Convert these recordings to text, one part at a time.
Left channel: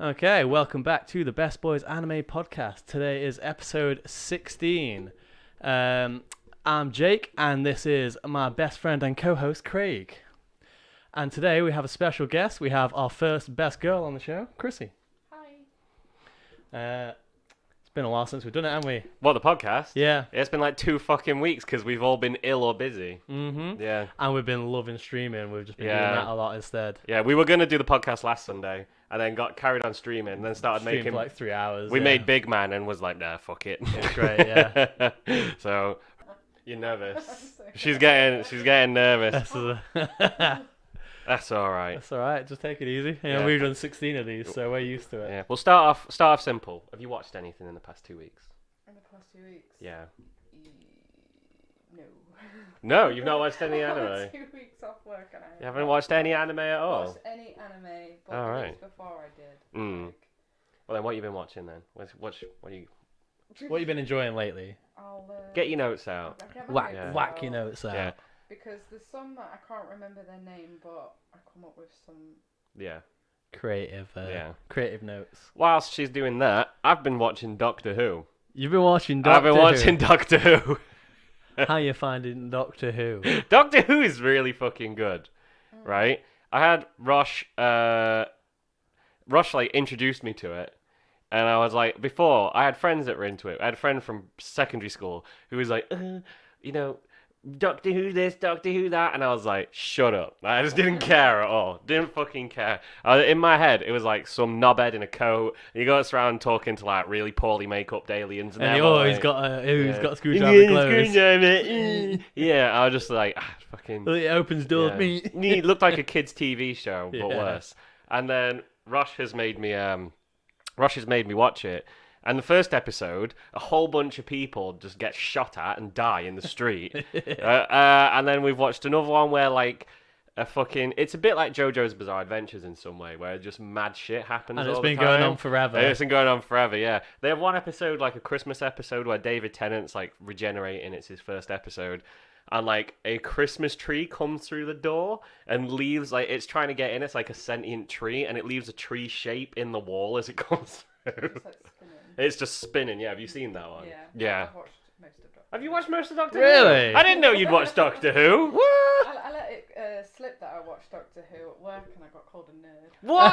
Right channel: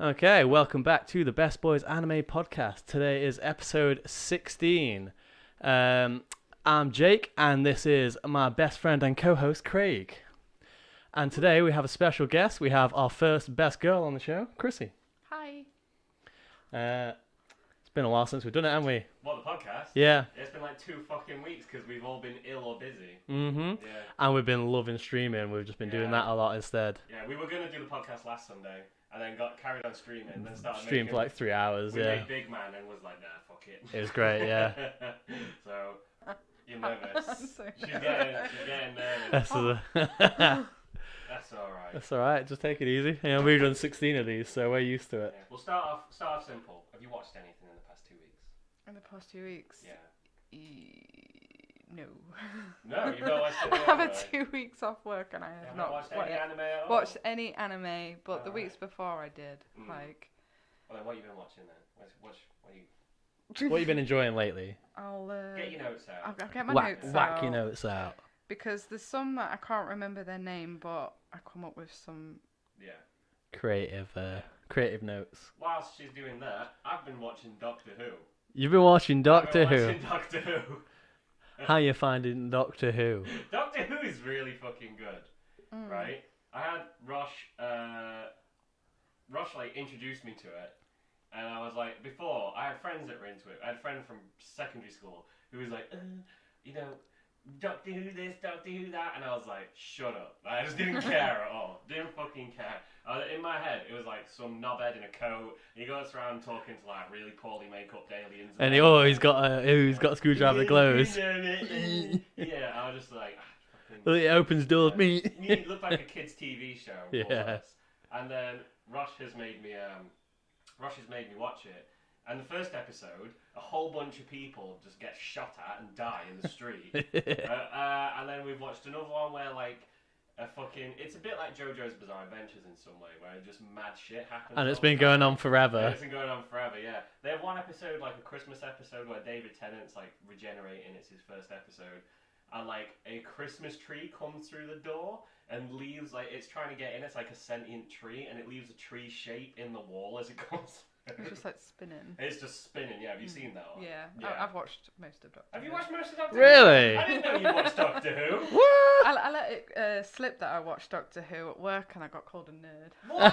Okay, welcome back to the Best Boys Anime Podcast. Today is episode 16. I'm Jake, and this is my best friend and co-host, Craig. And today we have a special guest. We have our first best girl on the show, Krissy. Hi. It's been a while since we've done it, haven't we? What, the podcast? Yeah. It's been like 2 fucking weeks because we've all been ill or busy. Mm-hmm. Yeah. And we've been loving streaming. We've just been doing that a lot instead. Yeah, we were going to do the podcast last Sunday. And then got carried on streaming, and then started Streamed making... for like 3 hours. We made Big Man and was like, nah, fuck it. It was great, yeah. So, you're nervous. So She's getting nervous. That's all right. That's all right. Just take it easy. Yeah. We've done 16 of these, so we're used to it. Yeah. We'll start off simple. Have you watched anything in the past 2 weeks? In the past 2 weeks? Yeah. No. No, you've not watched any I've anime? had 2 weeks off work and I You haven't watched any anime at all? watched any anime, but All the right. weeks before I did. Mm. Like, Well, then what have you been watching then? What are you... What have you been enjoying lately? I'll Get your notes out. I'll get my Whack, notes whack out, your notes out. Yeah. because there's some that I can't remember their name, but I come up with some. Yeah. Creative notes. Whilst she's doing that, I've been watching Doctor Who. You've been watching Doctor I've been watching Doctor Who. How you finding Doctor Who? Doctor Who is really fucking good, Mm. right? I had Rosh like introduced me to it, and I was like, before I had friends that were into it. I had a friend from secondary school who was like, Doctor Who this, Doctor Who that, and I was like, shut up. I just didn't care at all. Didn't fucking care. In my head, it was like some knobhead in a coat. And he goes around talking to like really poorly make-up aliens. And they're like, he's got a screwdriver glows. Yeah, I was just like, fucking. It opens doors. Yeah. Me. It looked like a kids' TV show, but Yeah. worse. And then Rosh has made me watch it. And the first episode, a whole bunch of people just get shot at and die in the street. And then we've watched another one where like it's a bit like JoJo's Bizarre Adventures in some way, where just mad shit happens. And it's all the been going time. on forever. And it's been going on forever, yeah. They have one episode, like a Christmas episode, where David Tennant's like regenerating. It's his first episode. And like a Christmas tree comes through the door and leaves, like it's trying to get in. It's like a sentient tree, and it leaves a tree shape in the wall as it comes through. It's just like spinning. It's just spinning. Yeah, have you seen that one? Yeah. Yeah. I've watched most of Doctor Have you Who. watched most of Doctor Really? Who? I didn't know you'd watched Doctor Who. What? I let it slip that I watched Doctor Who at work and I got called a nerd. What?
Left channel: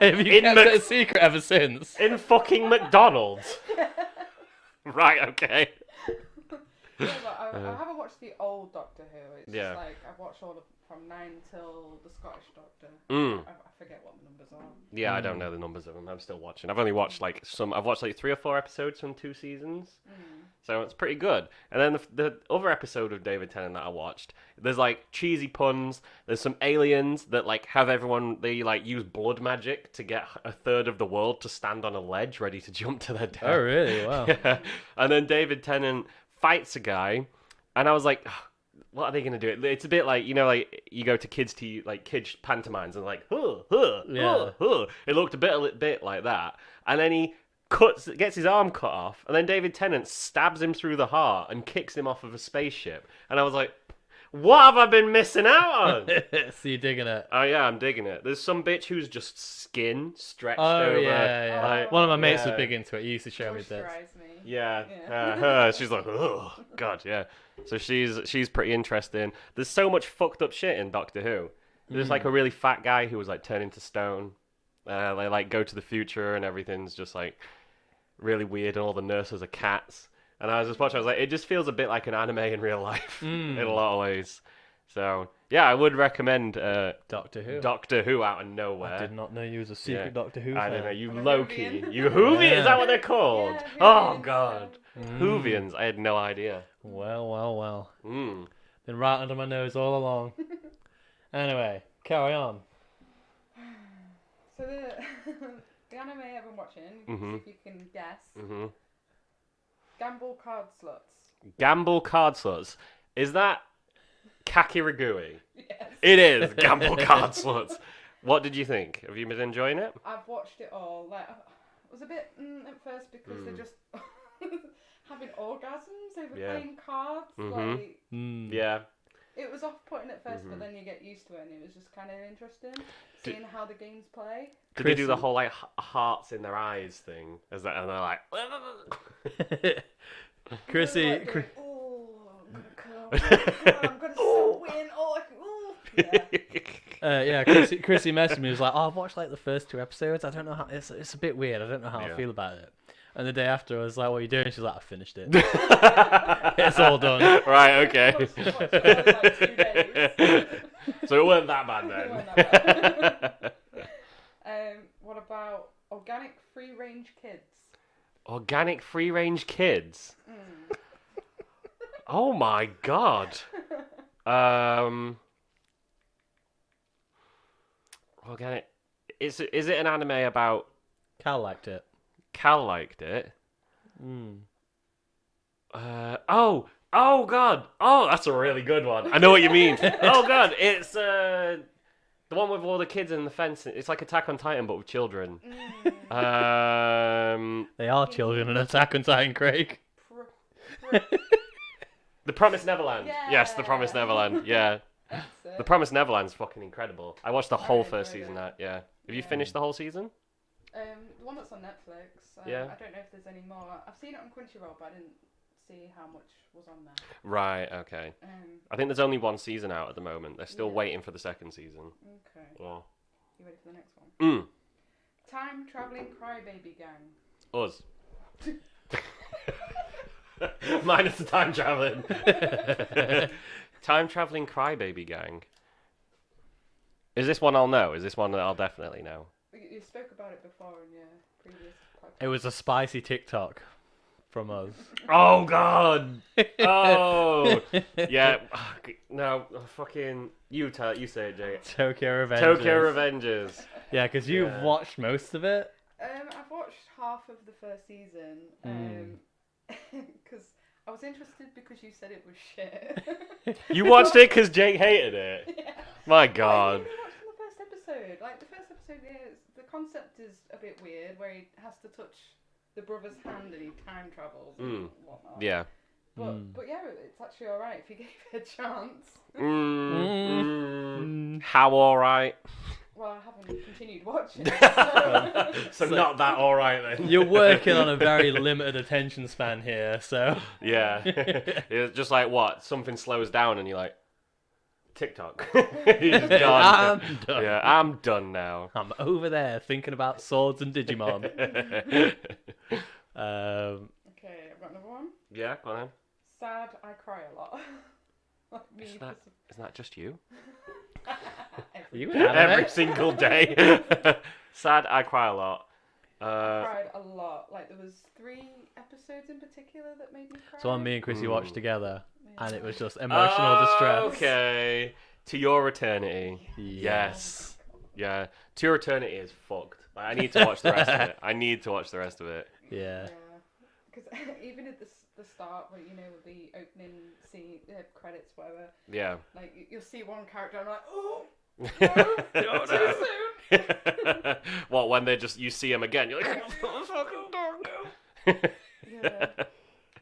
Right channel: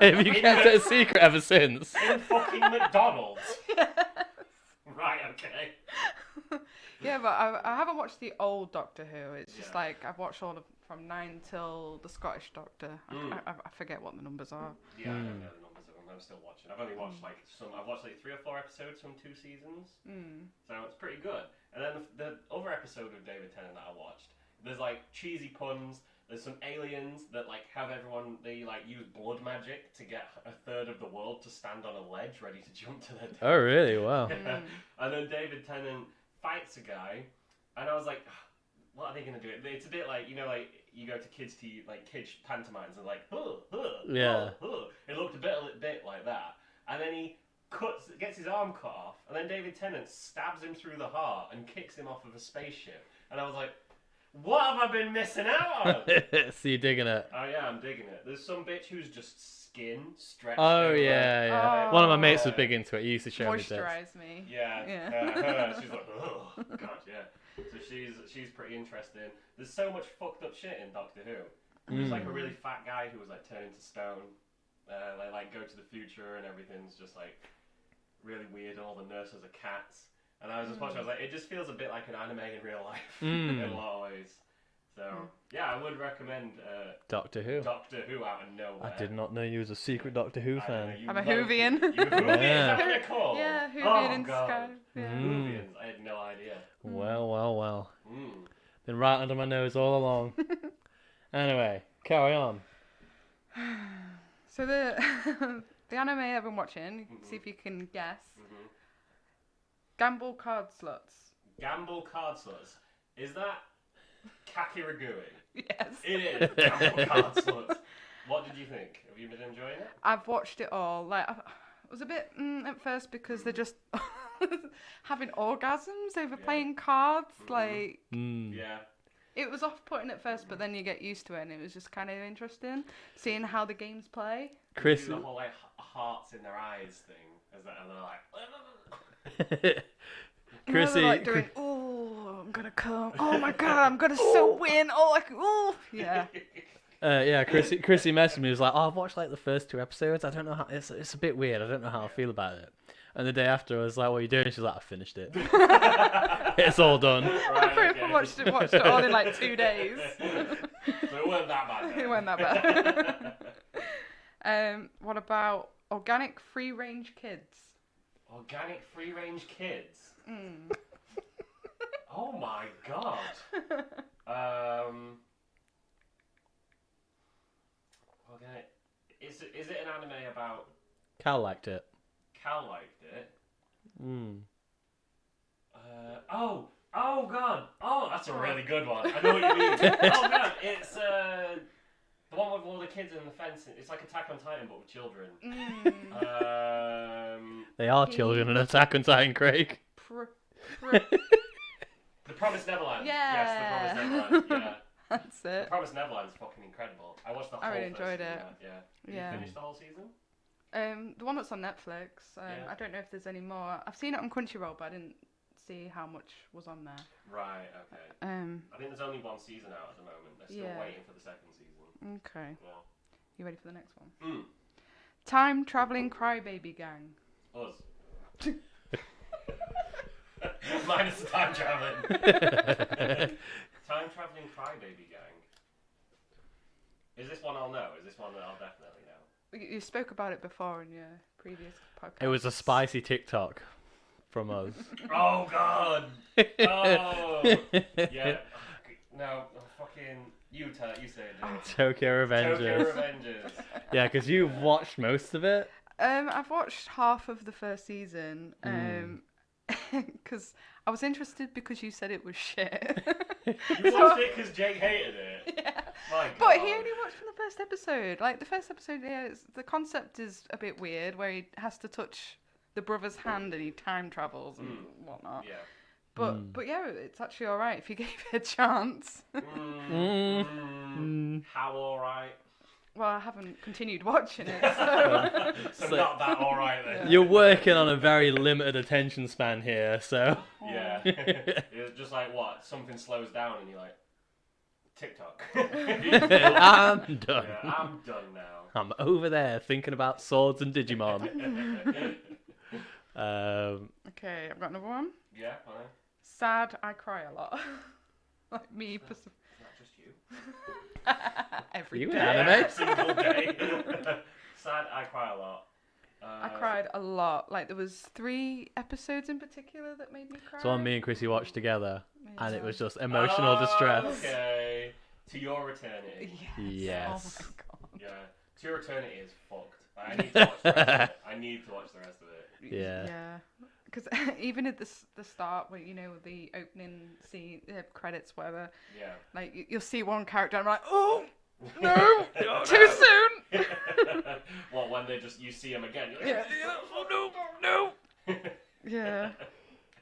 Have you In kept Mc- it a secret ever since? In fucking McDonald's. Right. Okay. Yeah, but I haven't watched the old Doctor Who. It's Yeah. just like I've watched all from 9 till the Scottish Doctor. Mm. I forget what the numbers are. Yeah, I don't know the numbers of them. I'm still watching. I've only watched like some. I've watched like 3 or 4 episodes from 2 seasons, so it's pretty good. And then the other episode of David Tennant that I watched, there's like cheesy puns. There's some aliens that like have everyone. They like use blood magic to get a third of the world to stand on a ledge, ready to jump to their death. Oh, really? Wow. Yeah. And then David Tennant fights a guy, and I was like, what are they gonna do? It's a bit like, you know, like you go to kids pantomimes and like, Yeah. It looked a bit like that, and then he gets his arm cut off, and then David Tennant stabs him through the heart and kicks him off of a spaceship, and I was like, what have I been missing out on? So you're digging it? Oh yeah, I'm digging it. There's some bitch who's just skin stretched Oh, over. yeah. Like, One of my mates was yeah. big into it. He used to show me this. Moisturize me. Yeah. She's like, oh god, yeah. So she's pretty interesting. There's so much fucked up shit in Doctor Who. There's like a really fat guy who was like turned into stone. They like go to the future and everything's just like really weird, and all the nurses are cats. And I was just watching. I was like, it just feels a bit like an anime in real life in a lot of ways. So yeah, I would recommend Doctor Who. Doctor Who out of nowhere. I did not know you was a secret Yeah. Doctor Who I don't know, fan. you I'm a Loki. Whovian. You Whovian? Yeah. Is that what they're called? Yeah, Oh Whovian god. Sky. Whovians. I had no idea. Well. Mm. Been right under my nose all along. Anyway, carry on. So the anime I've been watching, you can see if you can guess. Mm-hmm. Gamble card slots. Gamble card slots. Is that Kakiragui? Yes. It is Gamble card slots. What did you think? Have you been enjoying it? I've watched it all. Like I was a bit at first because they're just having orgasms over Yeah. playing cards. Mhm. Like Yeah. It was off-putting at first, but then you get used to it, and it was just kind of interesting seeing how the games play. Did they do the whole like hearts in their eyes thing? As that, and they're like, Krissy. Like doing, oh, I'm gonna come. Oh my god, I'm gonna so win. Oh, yeah. Yeah, Krissy messaged me. He was like, "Oh, I've watched like the first 2 episodes. I don't know how it's a bit weird. I don't know how I feel about it." And the day after, I was like, "What are you doing?" She's like, "I finished it. It's all done." Right, okay. Watched it all in like 2 days. So it weren't that bad then. It weren't that bad. What about organic free-range kids? Organic free-range kids? Oh my god. Organic. Is it an anime about... Cal liked it. Cal liked it? Oh god. Oh, that's a really good one. I know what you mean. Oh god, it's the one with all the kids in the fence. It's like Attack on Titan, but with children. They are children in Attack on Titan, Craig. The Promised Neverland. Yeah. Yes, The Promised Neverland. Yeah. That's it. The Promised Neverland's fucking incredible. I watched the whole first enjoyed season. it. Yeah. Have you Yeah. finished the whole season? The one that's on Netflix. Yeah. I don't know if there's any more. I've seen it on Crunchyroll, but I didn't see how much was on there. Right. Okay. I think there's only 1 season out at the moment. They're still Yeah. waiting for the 2nd season. Okay. Well. You ready for the next one? Mm. Time traveling crybaby gang. Us. Minus the time traveling. Time traveling crybaby gang. Is this one I'll know? Is this one that I'll definitely know? You spoke about it before in your previous podcast. It was a spicy TikTok from us. Oh god. Oh. Yeah. No. Fucking. You say it, Jake. Tokyo Revengers. Tokyo Revengers. Yeah, because you've watched most of it. I've watched half of the first season. Because I was interested because you said it was shit. You watched it because Jake hated it. Yeah. My Oh, god. he only watched the first episode. Like the first episode, yeah, the concept is a bit weird, where he has to touch the brother's hand and he time travels and whatnot. Yeah. But yeah, it's actually all right if you gave it a chance. How alright? Well, I haven't continued watching it, So not that alright then. You're working on a very limited attention span here, so. Yeah. It's just like what? Something slows down and you're like, TikTok. You're just gone. I'm done. Yeah, I'm done now. I'm over there thinking about swords and Digimon. Okay, I've got another one. Yeah, go on. Sad, I cry a lot. Like me. Isn't that just you? Every You day. anime? Every single day. Sad, I cry a lot. I cried a lot. Like there was 3 episodes in particular that made me cry. So one me and Krissy watched together, and it Yeah. was just emotional distress. Okay. To Your Eternity. Yes. Oh my God. Yeah. To Your Eternity is fucked. Like, I need to watch the rest of it. I need to watch the rest of it. Yeah. Because even at the start, where you know the opening scene, credits, whatever, Yeah. like you'll see one character, and I'm like, oh no, too soon. What, when they just, you see him again, you're like, no. Yeah,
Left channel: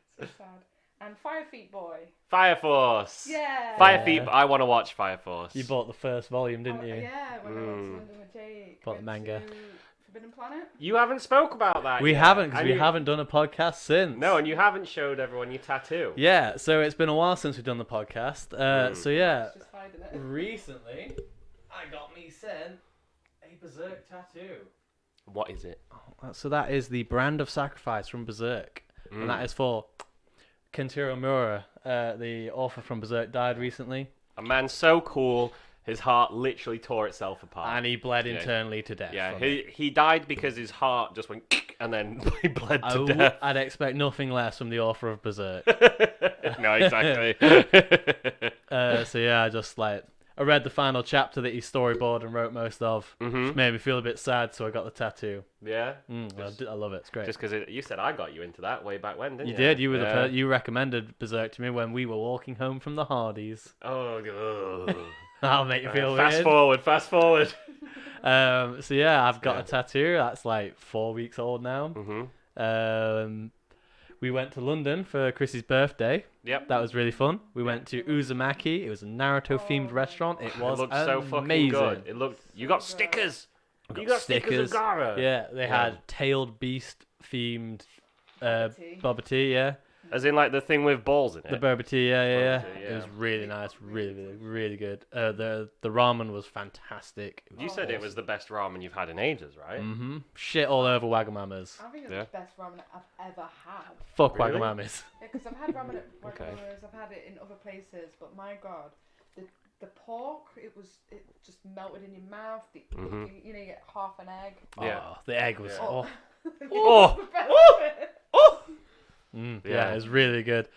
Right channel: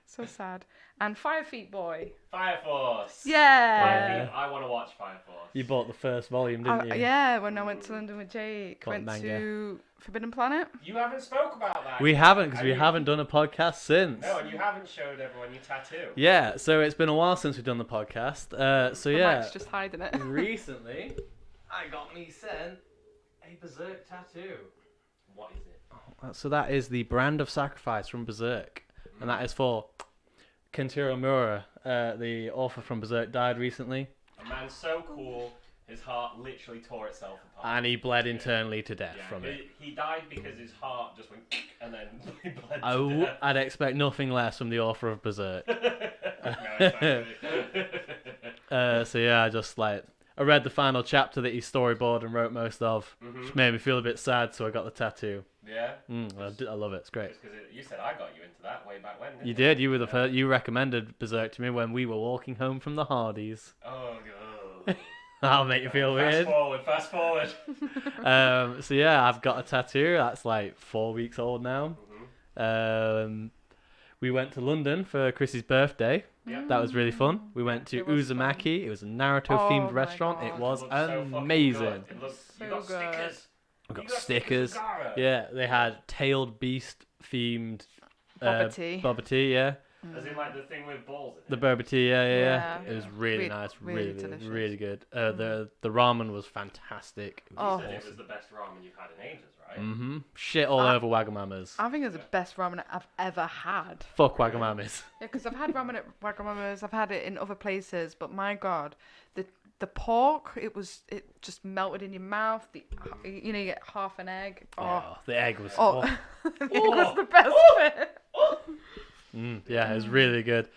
so sad. And Fire Feet Boy. Fire Force. Yeah. Fire Feet. I want to watch Fire Force. You bought the first volume, didn't you? Yeah, when I went to London with Jake, Bought the went manga. to Forbidden Planet. You haven't spoke about that. We yet. haven't, because And we you- haven't done a podcast since. No, and you haven't showed everyone your tattoo. Yeah, so it's been a while since we've done the podcast. So yeah, Mike's just hiding it. recently I got me sent a Berserk tattoo. What is it? So that is the brand of sacrifice from Berserk, and that is for Kentaro Miura, the author from Berserk, died recently, A man so cool, his heart literally tore itself apart. and he bled internally to death. Yeah, from it. he died because his heart just went and then he bled I to w- death. I'd expect nothing less from the author of Berserk. No, exactly. So yeah, I read the final chapter that he storyboarded and wrote most of, which made me feel a bit sad, so I got the tattoo. Yeah. I love it. It's great. Just because you said I got you into that way back when, didn't you? You did. You were Yeah. you recommended Berserk to me when we were walking home from the Hardies. Oh, ugh. That'll make you feel Fast weird. Fast forward. So yeah, I've got a tattoo that's like 4 weeks old now. We went to London for Chrissy's birthday. Yep. That was really fun. We went to It was Uzumaki. It was a Naruto-themed Oh my restaurant. God. It was looked so fucking amazing. good. It looked. You So got good. stickers. We You got stickers. of Gaara. Yeah, they Yeah. had tailed beast-themed Boba tea. boba tea. Yeah, As in like the thing with balls in it. the boba tea. Yeah. Yeah. It was really Re- nice. really Really, delicious. really good. The ramen was fantastic. It You was said it awesome. was the best ramen you've had in ages, right? Shit all over Wagamama's. I think it's Yeah. the best ramen I've ever had. Fuck Really? Wagamama's. Yeah, because I've had ramen at Wagamama's, I've had it in other places, but my God, the pork, it just melted in your mouth. You know, you get half an egg. Yeah. Oh, the egg was. Oh, Oh. that's the best bit. Yeah, it was really good.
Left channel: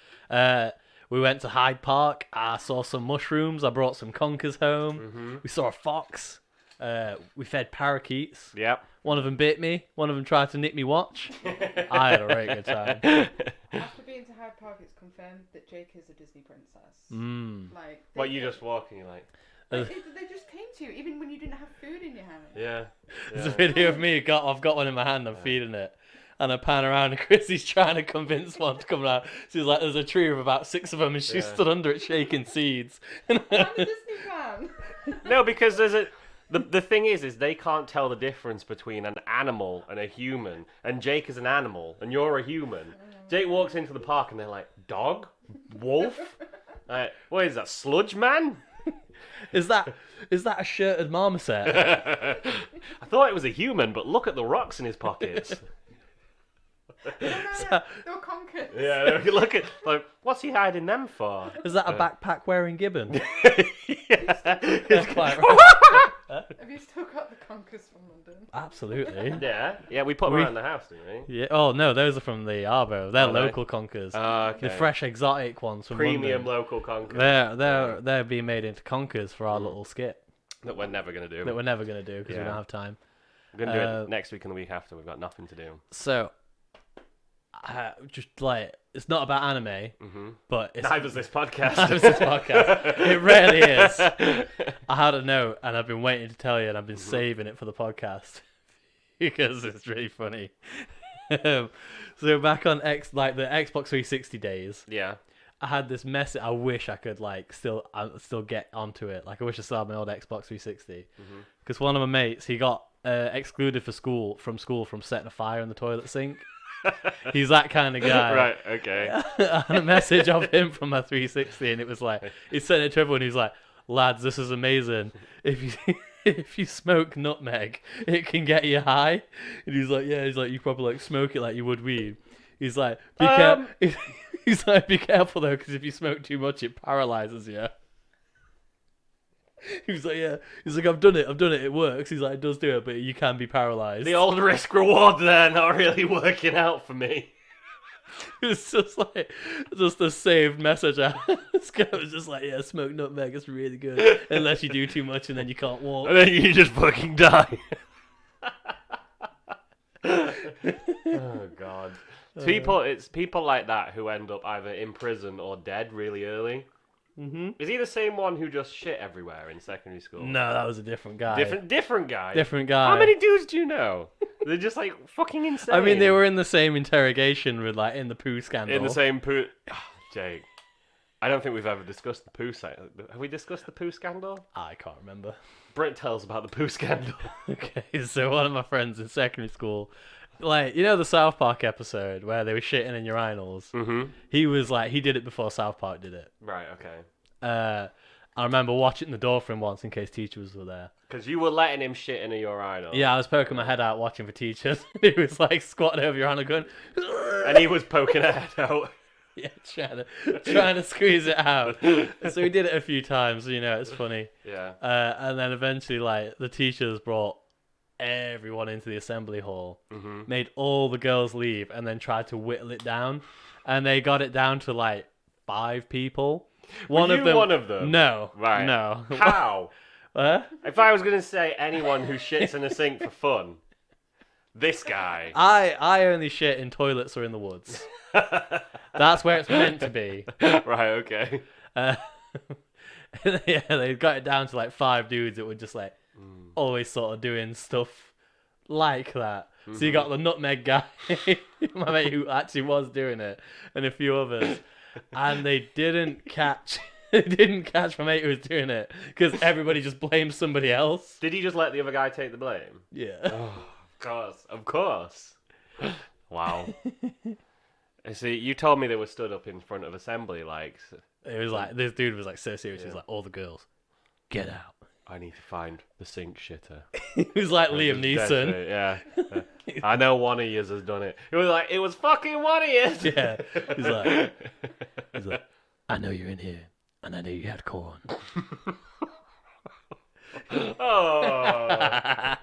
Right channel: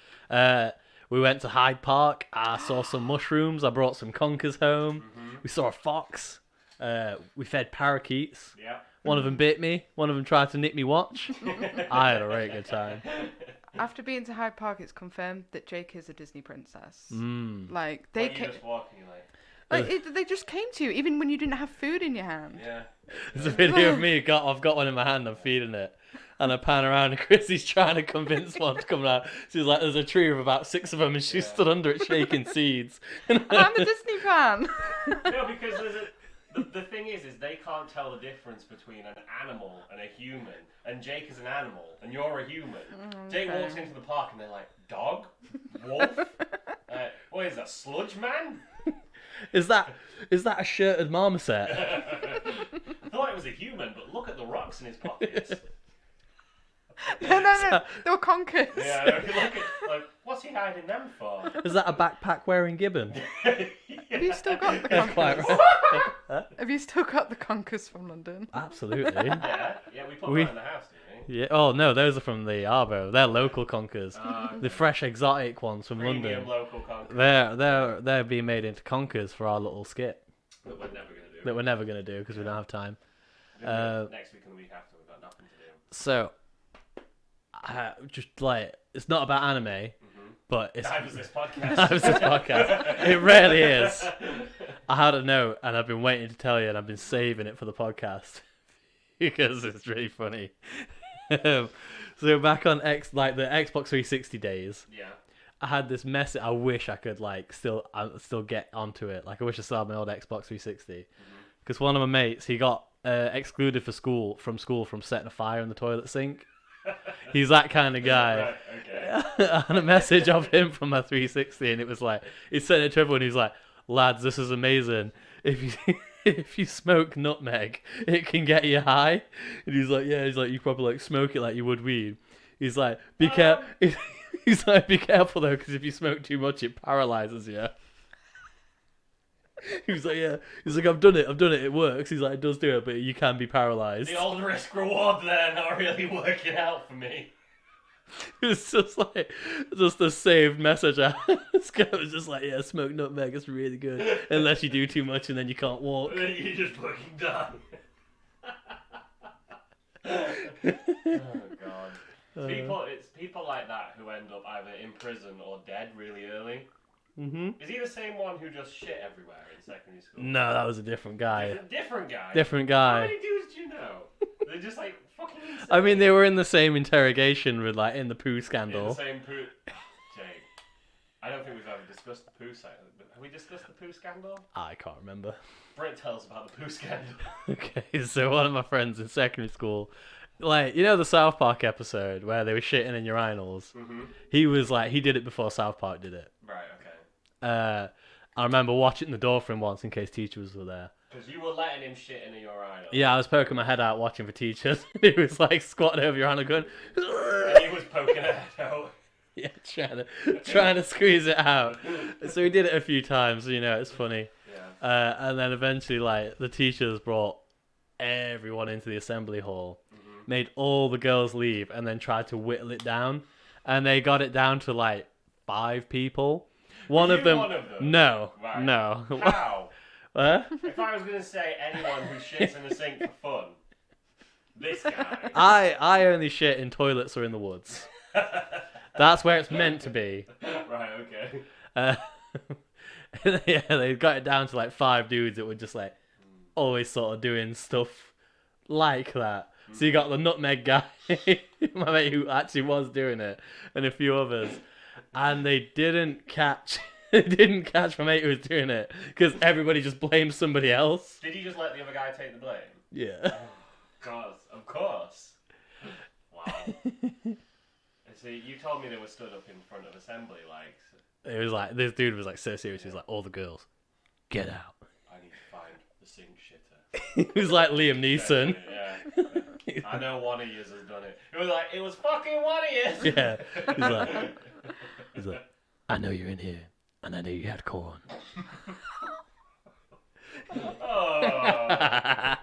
We went to Hyde Park. I saw some mushrooms. I brought some conkers home. We saw a fox. We fed parakeets. Yep. One of them bit me. One of them tried to nick me watch. I had a very good time. After being to Hyde Park, it's confirmed that Jake is a Disney princess. Like they, What, you just walking they just came to you even when you didn't have food in your hand. Yeah. There's a video of me. I've got one in my hand. I'm feeding it. And I pan around and Chrissy's trying to convince one to come out. She's like, there's a tree of about 6 of them and she Yeah. stood under it shaking seeds. I'm a Disney fan. No, because the thing is they can't tell the difference between an animal and a human. And Jake is an animal, and you're a human. Jake walks into the park, and they're like, dog, wolf, what is that, sludge man? Is that a shirted marmoset? I thought it was a human, but look at the rocks in his pockets. No, they were conkers. Yeah, look at like, what's he hiding them for? Is that a backpack wearing gibbon? Have you still got the That's conkers? quite right. Have you still got the conkers from London? Absolutely. Yeah, we put them around the house, didn't we? Yeah. Oh no, those are from the Arvo. They're Are they? local conkers. Okay. The fresh, exotic ones from Premium London. local conker They're being made into conkers for our little skit that we're never gonna do. that we're never gonna do because we Yeah. don't have time. We're gonna do it next week and the week after. We've got nothing to do. So, just like it's not about anime, but it's Neither's this podcast. Neither's this podcast. It rarely is. I had a note and I've been waiting to tell you, and I've been saving it for the podcast because it's really funny. So back on the Xbox 360 days, Yeah. I had this message. I wish I could still get onto it. Like I wish I still had my old Xbox 360 because one of my mates he got excluded from school from setting a fire in the toilet sink. He's that kind of guy. Right. Okay. I had a message of him from my 360, and it was like he sent it to everyone. He's like, "Lads, this is amazing. If you if you smoke nutmeg, it can get you high." And he's like, "Yeah." He's like, "You probably smoke it like you would weed." He's like, "Be careful." He's like, "Be careful though, because if you smoke too much, it paralyzes you." He was like, "Yeah." He's like, I've done it. It works." He's like, "It does do it, but you can be paralyzed." The old risk reward there not really working out for me. It was just a saved message. This guy was just like, "Yeah, smoke nutmeg. It's really good. Unless you do too much and then you can't walk." And then you just fucking die. Oh god. It's people like that who end up either in prison or dead really early. Is he the same one who just shit everywhere in secondary school? No, that was a different guy. Different guy. Different guy. How many dudes do you know? They're just like fucking insane. I mean, they were in the same interrogation with in the poo scandal. in the same poo. Jake, I don't think we've ever discussed the poo site. Have we discussed the poo scandal? I can't remember. Brent tells about the poo scandal. Okay, so one of my friends in secondary school, the South Park episode where they were shitting in urinals. He was he did it before South Park did it. Right. Okay. I remember watching the door for him once in case teachers were there. Because you were letting him shit in a urinal. Yeah, I was poking my head out watching for teachers. He was squatting over urinal going, And he was poking her head out. yeah, trying to squeeze it out. So we did it a few times. It's funny. Yeah. And then eventually, the teachers brought everyone into the assembly hall, made all the girls leave, and then tried to whittle it down. And they got it down to 5 people. One of them. No. Right. No. How? If I was going to say anyone who shits in a sink for fun, this guy. I only shit in toilets or in the woods. That's where it's meant to be. Right, okay. Yeah, they got it down to 5 dudes that were just always sort of doing stuff like that. So you got the nutmeg guy, my mate who actually was doing it, and a few others, and they didn't catch. They didn't catch my mate who was doing it because everybody just blamed somebody else. Did he just let the other guy take the blame? Yeah. Oh, of course. Wow. See, you told me they were stood up in front of assembly, like. It was like this dude was like so serious. He was like, "All the girls, get out." I need to find the sink shitter. He was like Liam Neeson. Yeah. I know one of yous has done it. It was like, it was fucking one of yous. Yeah. He's like, I know you're in here, and I know you had corn. Oh. I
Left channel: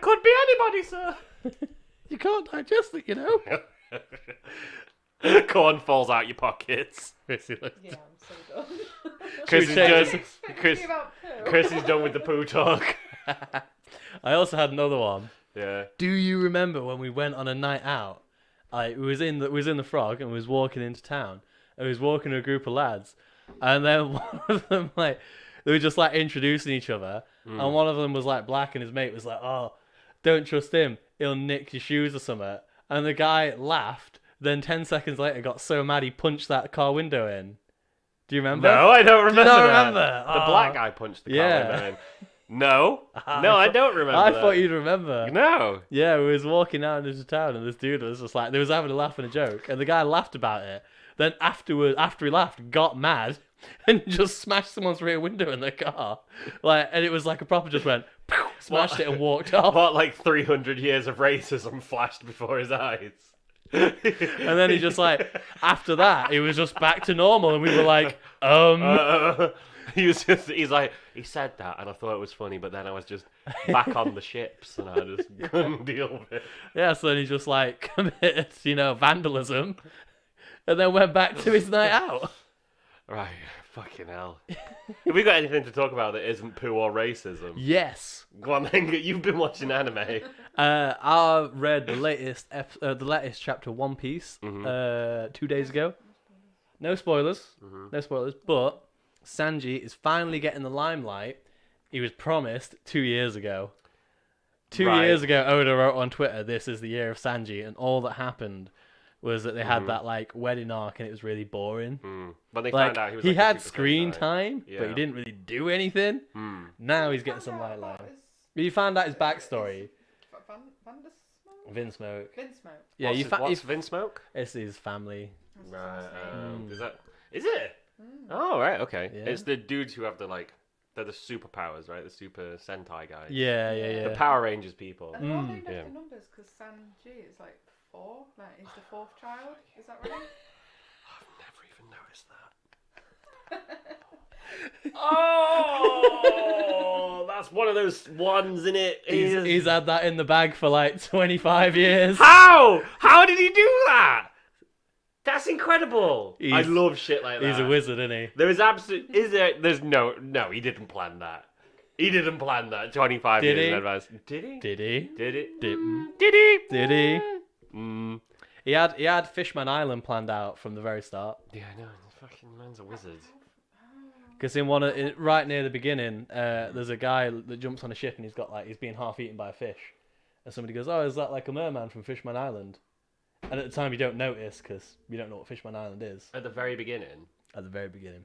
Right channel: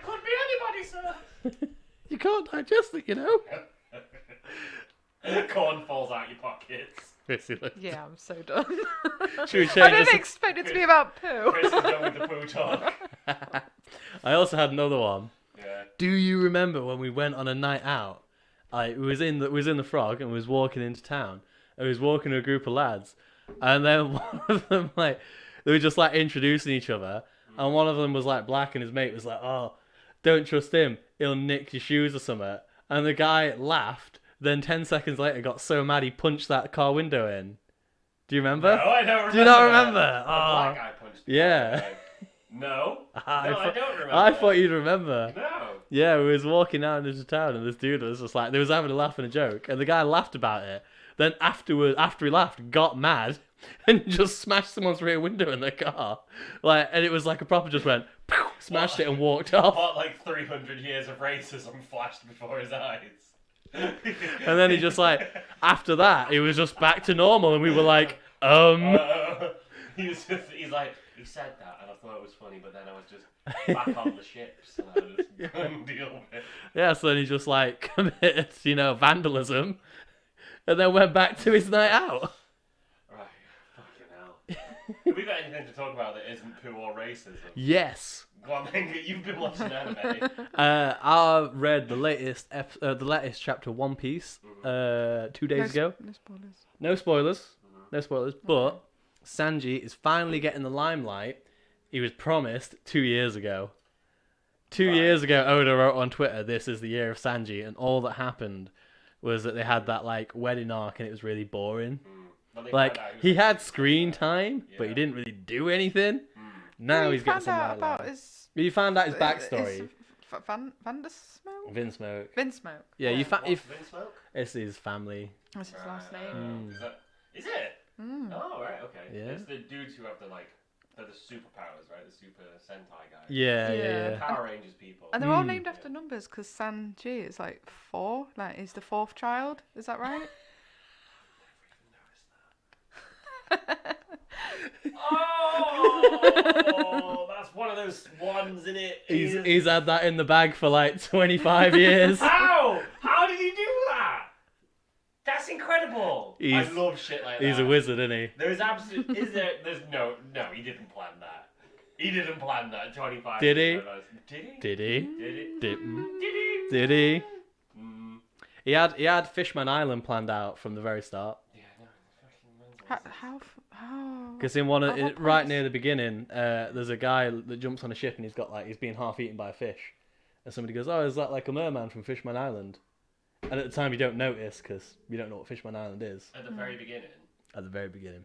could be anybody, sir. You can't digest it, you know. Corn falls out your pockets. Krissy looks. Yeah, I'm so done. Should we I change didn't this? expect it to be about poo. Chris is done with the poo talk. I also had another one. Yeah. Do you remember when we went on a night out? We was in the Frog and we was walking into town. And we was walking to a group of lads, and then one of them they were just like introducing each other, and one of them was like black, and his mate was like, "Oh, don't trust him. He'll nick your shoes or something." And the guy laughed. Then 10 seconds later, got so mad he punched that car window in. Do you remember? No, I don't remember. Do you not that. remember? The black guy punched the car. Yeah. No. No, I don't remember. I that. thought you'd remember. No. Yeah, we was walking out into town, and this dude was just like, they was having a laugh and a joke, and the guy laughed about it. Then afterwards, after he laughed, got mad and just smashed someone's rear window in their car. Like, and it was like a proper just went, pow, smashed it and walked off. What, like 300 years of racism flashed before his eyes? And then he just like, after that, it was just back to normal, and we were like, he's like, he said that, and I thought it was funny, but then I was just back on the ships, and I just couldn't deal with it. Yeah, so then he just like committed, vandalism, and then went back to his night out. Right, fucking hell. Have we got anything to talk about that isn't poo or racism? Yes. Go on then, you've been watching anime. I read the latest chapter of One Piece 2 days ago. No spoilers. No spoilers. But Sanji is finally getting the limelight he was promised 2 years ago. 2 years ago, Oda wrote on Twitter, "This is the year of Sanji," and all that happened was that they had that like wedding arc, and it was really boring. But they Like found out he had super screen guy. time, Yeah. but he didn't really do anything. Now he's getting some limelight. You found out his backstory. Vinsmoke. Vinsmoke. Yeah, What's Vinsmoke? It's his family. That's his last name. Is it? Oh, right, okay. Yeah. It's the dudes who have they're the superpowers, right? The Super Sentai guys. Yeah. The Power Rangers people. And they're all named after numbers because Sanji is like 4. Like he's the 4th child. Is that right? Never even noticed that. Oh, that's one of those ones in it. He's had that in the bag for like 25 years. How? How did he do that? That's incredible. I love shit like that. He's a wizard, isn't he? There is there's no, he didn't plan that. He didn't plan that 25 Did years he? in advance. Did he? Did he? Did it? Did he? Did he? He had Fishman Island planned out from the very start. Yeah, I know. Fucking man's a wizard. How? Because right near the beginning, there's a guy that jumps on a ship and he's being half eaten by a fish, and somebody goes, "Oh, is that like a merman from Fishman Island?" And at the time you don't notice because you don't know what Fishman Island is. At the very beginning. At the very beginning.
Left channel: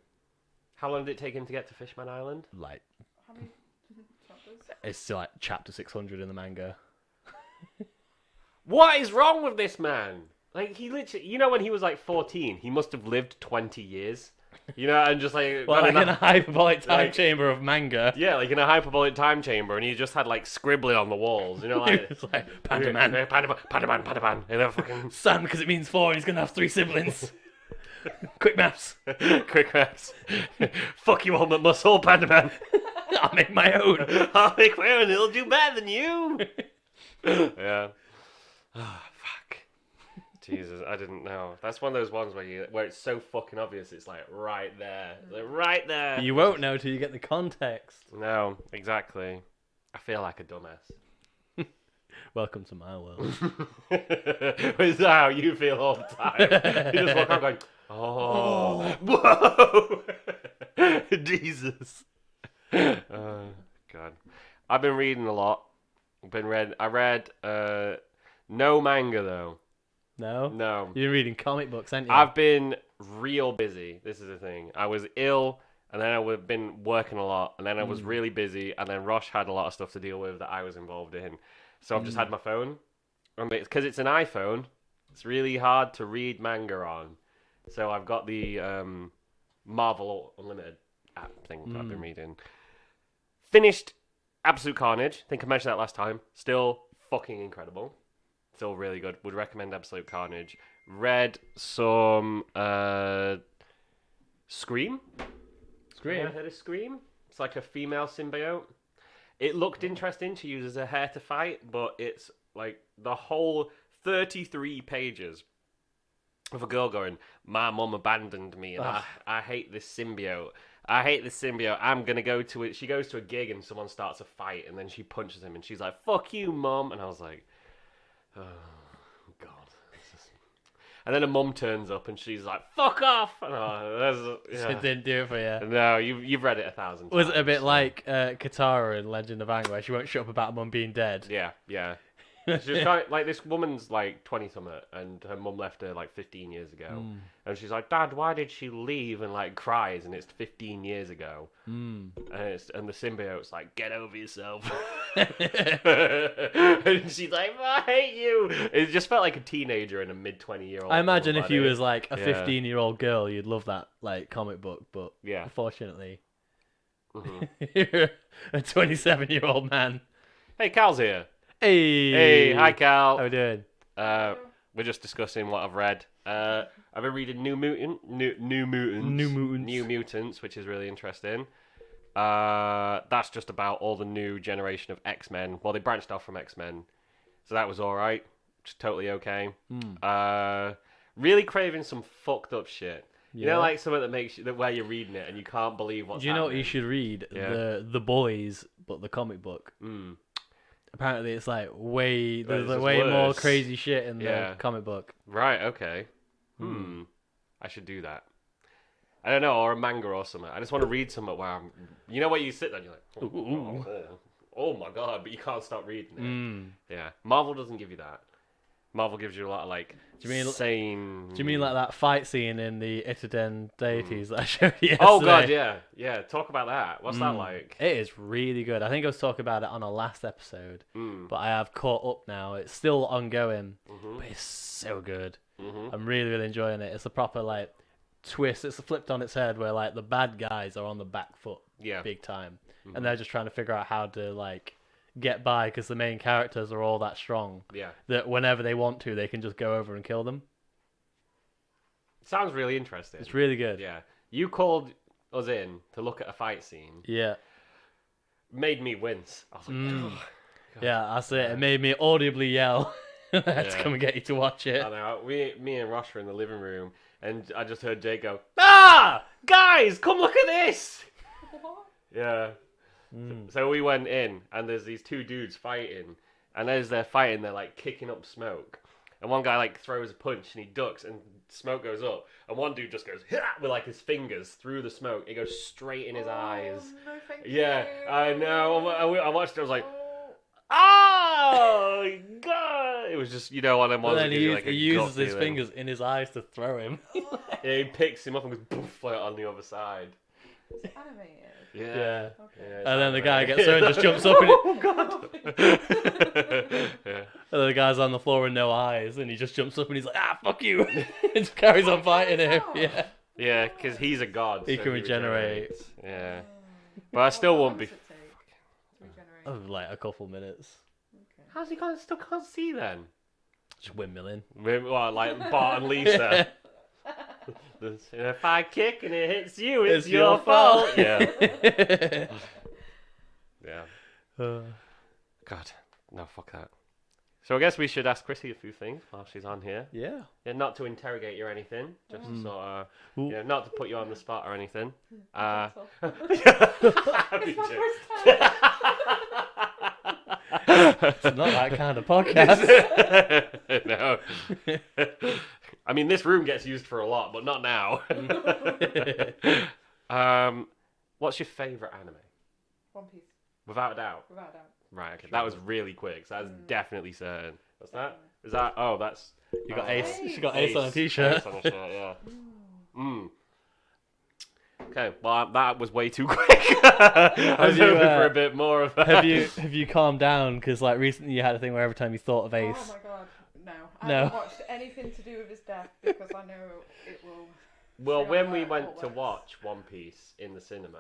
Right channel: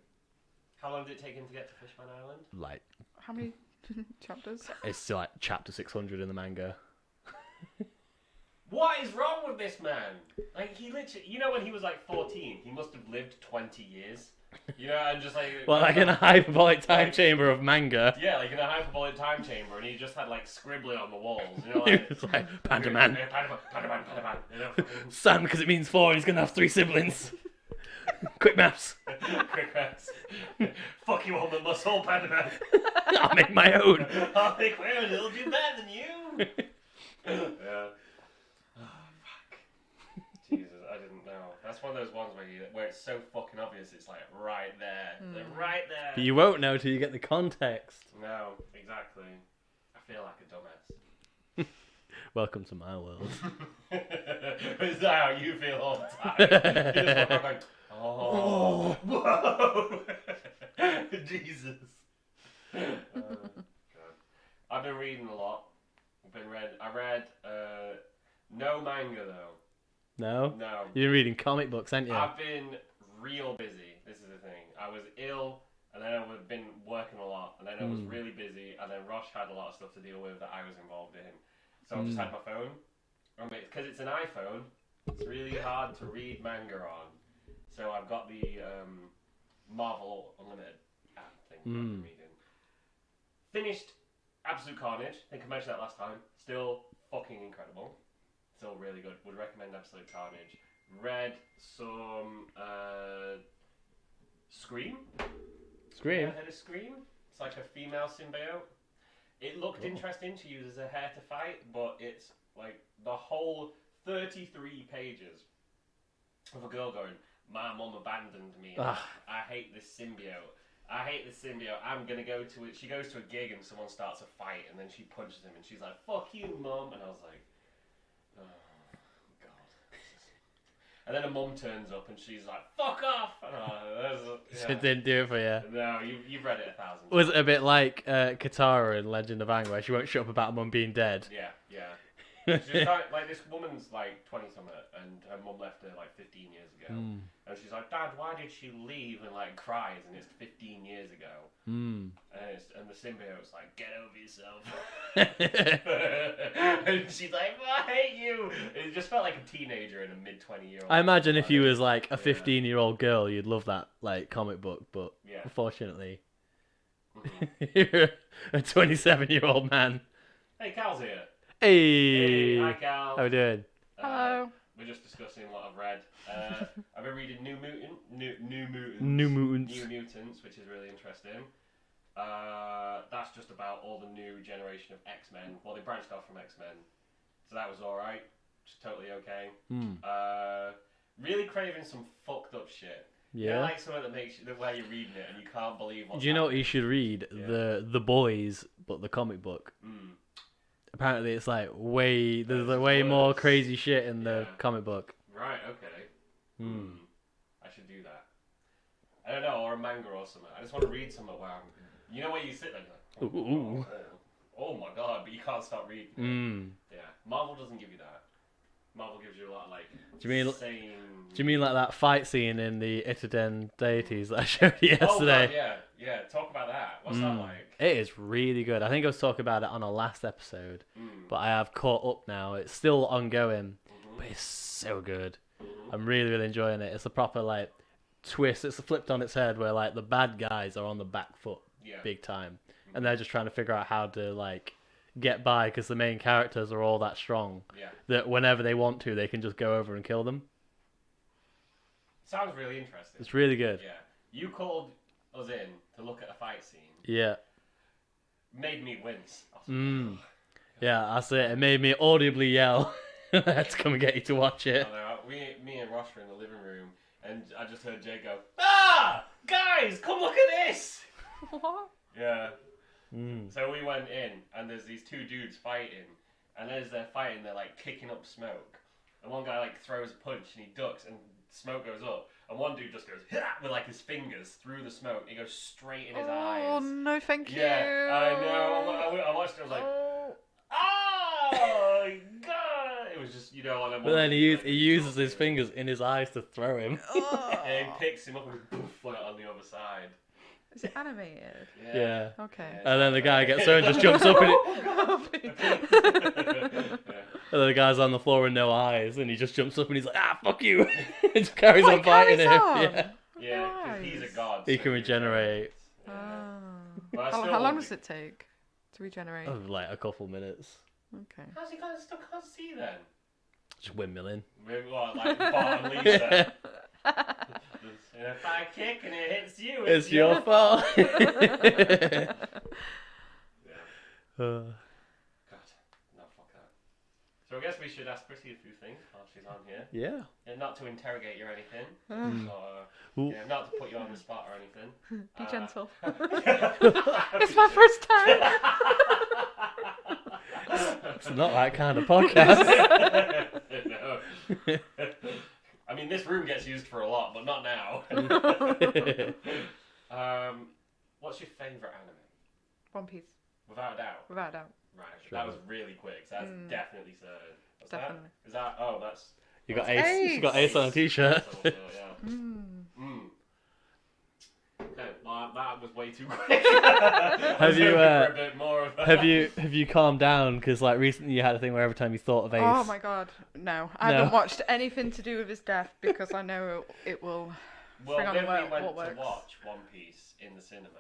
How long did it take him to get to Fishman Island? Like. How many chapters? It's like chapter 600 in the manga. What is wrong with this man? Like, he literally, when he was like 14, he must have lived 20 years. And just like... Well, like in a hyperbolic time chamber of manga. Yeah, like in a hyperbolic time chamber, and he just had like scribbling on the walls. He was like, Pandaman. Pandaman. Son, because it means 4 and he's going to have 3 siblings. Quick maths. Quick maths. Fuck you, Ultimate Muscle, Pandaman. I'll make my own. I'll make my own, it'll do better than you. Yeah. Oh, fuck. Jesus, I didn't know. That's one of those ones where it's so fucking obvious. It's like right there, like right there. But you won't know till you get the context. No, exactly. I feel like a dumbass. Welcome to my world. Is that how you feel all the time? You just walk around going, oh, whoa, Jesus. God, I've been reading a lot. I read no manga though. No? No. You've been reading comic books, haven't you? I've been real busy. This is the thing. I was ill, and then I've been working a lot, and then I was really busy, and then Rosh had a lot of stuff to deal with that I was involved in. So I've just had my phone. Because it's an iPhone, it's really hard to read manga on. So I've got the Marvel Unlimited app thing that I've been reading. Finished Absolute Carnage. I think I mentioned that last time. Still fucking incredible. Still really good. Would recommend Absolute Carnage. Read some Scream. Scream? Yeah, heard of Scream? It's like a female symbiote. It looked interesting to use as a hair to fight, but it's like the whole 33 pages of a girl going, my mum abandoned me, and I hate this symbiote. I hate this symbiote. I'm going to go to it. She goes to a gig and someone starts a fight, and then she punches him, and she's like, fuck you, mum. And I was like, oh, God. And then a mum turns up, and she's like, fuck off. And It didn't do it for you. No, you've read it 1,000 times. Was it a bit like Katara in Legend of Aang, where she won't shut up about her mum being dead? Yeah. She's like, this woman's like 20-something, and her mum left her like 15 years ago. And she's like, Dad, why did she leave? And like cries, and it's 15 years ago. And the symbiote's like, get over yourself. And she's like, I hate you. It just felt like a teenager and a mid-20-year-old. I imagine if you was like a 15-year-old girl, you'd love that like comic book, but unfortunately, you're a 27-year-old man. Hey, Cal's here. Hey, hi Cal. How we doing? Hello. We're just discussing what I've read. I've been reading New Mutants, which is really interesting. That's just about all the new generation of X-Men. Well, they branched off from X-Men, so that was all right. Just totally okay. Really craving some fucked up shit. You know, like something that makes you, where you're reading it and you can't believe what's Do you know what happening. you should read? The Boys, but the comic book. Apparently, it's like there's way more crazy shit in the comic book. Right. Okay. I should do that. I don't know, or a manga or something. I just want to read something where I'm. You know, where you sit there and you're like, oh my god, but you can't stop reading it. Yeah. Marvel doesn't give you that. Marvel gives you a lot of like insane. Do you mean like that fight scene in the Itoden deities that I showed you yesterday? Oh god, yeah. Talk about that. What's that like? It is really good. I think I was talking about it on our last episode, but I have caught up now. It's still ongoing, but it's so good. I'm really, really enjoying it. It's a proper like twist. It's flipped on its head where like the bad guys are on the back foot, big time, and they're just trying to figure out how to like get by because the main characters are all that strong that whenever they want to, they can just go over and kill them. Sounds really interesting. It's really good. Yeah. You called us in to look at a fight scene. Yeah. Made me wince. I was like, oh, yeah, that's it. It made me audibly yell. I had to come and get you to watch it. I know. Me and Rosh were in the living room, and I just heard Jay go, "Ah, guys, come look at this!" What? Yeah. So we went in, and there's these two dudes fighting, and as they're fighting, they're like kicking up smoke, and one guy like throws a punch, and he ducks, and smoke goes up, and one dude just goes with like his fingers through the smoke. It goes straight in his eyes. Oh no, thank you. Yeah, I know. I watched it. I was like, oh god! It was just one of them. But then he uses his fingers in his eyes to throw him. Yeah, he picks him up and goes poof on the other side. It's animated. Yeah. Okay. And then the guy gets there and just jumps up and and then the guy's on the floor with no eyes and he just jumps up and he's like, fuck you. And just carries on fighting him. Yeah, because he's a god. He can regenerate. Yeah. But I still how would long be. does it take to regenerate? Oh, like a couple minutes. Okay. How's he still can't see then? Just windmilling. What, like Bart and Lisa? If I kick and it hits you, it's your fault. Yeah. God, no, fuck that. So I guess we should ask Krissy a few things while she's on here. Yeah. Not to interrogate you or anything, just to sort of, not to put you on the spot or anything. Gentle. It's my first time. It's not that kind of podcast. No. I mean, this room gets used for a lot, but not now. What's your favourite anime? One Piece. Without a doubt. Without a doubt. Right, okay. Sure. That was really quick. So that's definitely certain. What's Definitely. that? Is that? Oh, that's. You got that's Ace. She got Ace on a t-shirt. Ace on a shirt, yeah. Okay, well that was way too quick. I was hoping for a bit more of that. Have you calmed down? Because like recently you had a thing where every time you thought of Ace. Oh my god, no. I haven't watched anything to do with his death because I know it will. Well, when we went to watch One Piece in the cinema.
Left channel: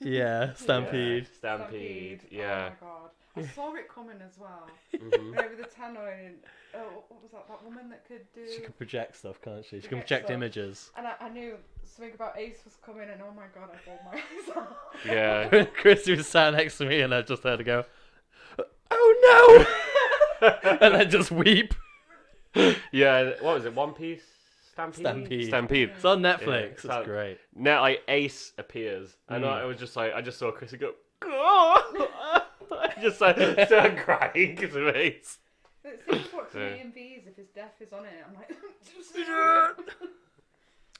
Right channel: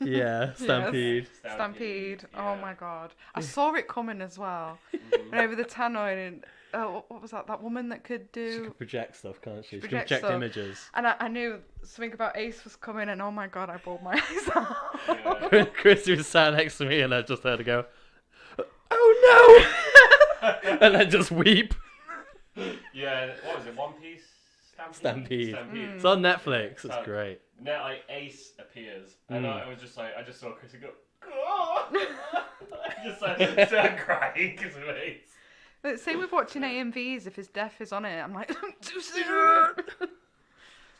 Yeah, Stampede. Stampede. Yeah. Oh my god. I saw it coming as well. And over the tannoy and what was that? That woman that could do. She can project stuff, can't she? She can Project project stuff. images. And I knew something about Ace was coming, and oh my god, I bawled my eyes out. Yeah. Krissy was sat next to me, and I just heard her go, "Oh no!" and then just weep. Yeah. What was it? One Piece. Stampede. It's on Netflix. Yeah, It's great. Now, like Ace appears, and I was just like, I just saw Krissy go. I just started crying because of Ace. But same with watching AMVs. If his death is on it, I'm like, too soon.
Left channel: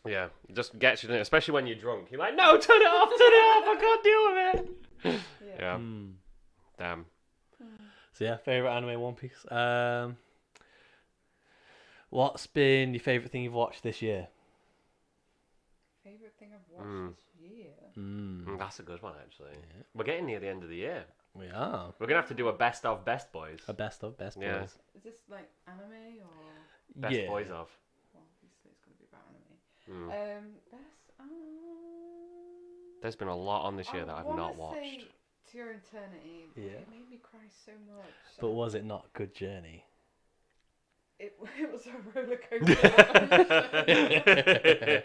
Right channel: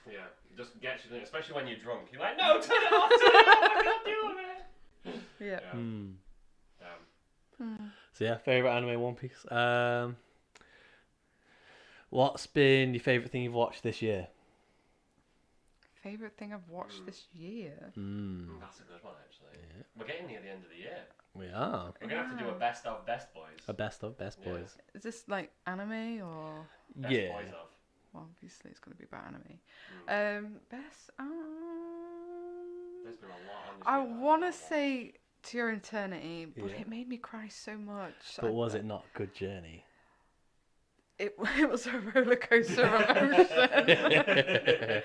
Yeah, it just gets you, especially when you're drunk. You're like, no, turn it off, I can't deal with it. Yeah. Damn. So yeah, favorite anime One Piece. What's been your favorite thing you've watched this year? Favorite thing I've watched this year? That's a good one, actually. Yeah. We're getting near the end of the year. We are. We're gonna have to do a best of best boys. A best of best boys. Is this like anime or? Best boys of. Well, obviously it's gonna be about anime. Best. There's been a lot on this year that I've not want watched. to say To Your Eternity, but it made me cry so much. But was it not a good journey? It was a roller coaster of emotion.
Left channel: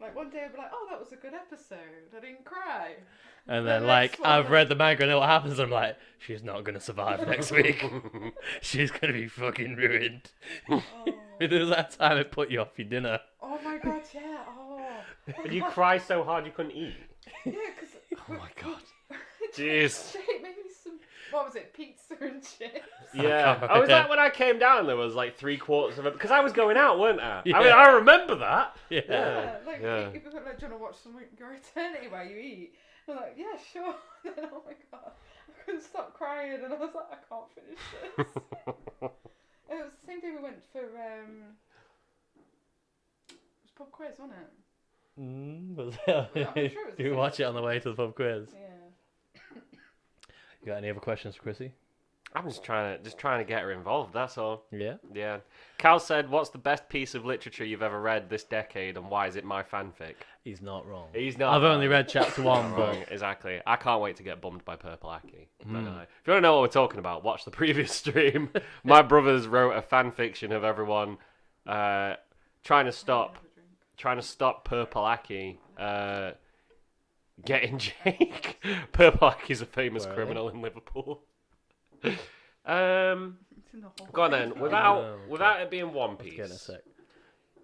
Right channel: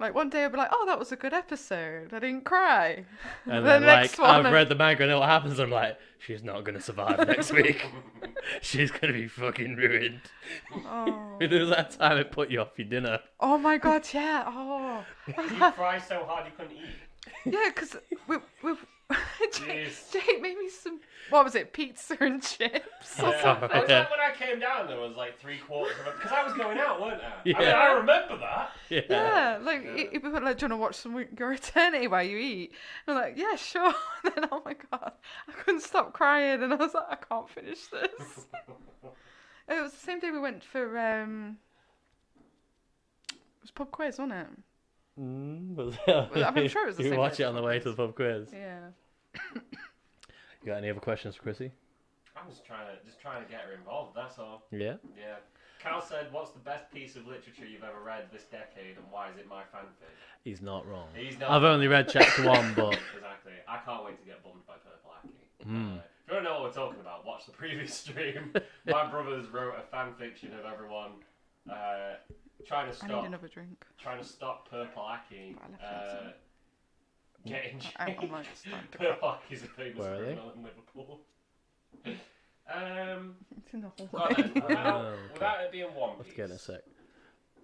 Like one day I'll be like, oh, that was a good episode. I didn't cry. And then like I've read the manga and know what happens. I'm like, she's not gonna survive next week. She's gonna be fucking ruined. Oh. There was that time it put you off your dinner. Oh my god, yeah. Oh. You cry so hard you couldn't eat. Yeah, because Jeez. Jake made me some. What was it? Pizza and chips. Yeah. I was like, when I came down, there was like 3/4 of it because I was going out, weren't I? Yeah. I mean, I remember that. Yeah. Like people were like, "Do you want to watch some Your Eternity while you eat?" And I'm like, "Yeah, sure." And then oh my god, I couldn't stop crying, and I was like, "I can't finish this." It was the same day we went for it was pub quiz, wasn't it? I'm sure it was the you same watch it on the way to the pub quiz. Yeah. You got any other questions for Krissy? I'm just trying to get her involved. That's all. Yeah. Yeah. Cal said, "What's the best piece of literature you've ever read this decade, and why is it my fanfic?" He's not wrong. He's not. I've only read chapter 1, but exactly. I can't wait to get bummed by Purple Aki. If you want to know what we're talking about, watch the previous stream. My brothers wrote a fan fiction of everyone trying to stop Purple Aki getting Jake. Purple Aki's a famous criminal in Liverpool. Go on then. Without it being One Piece. Let's get a sec.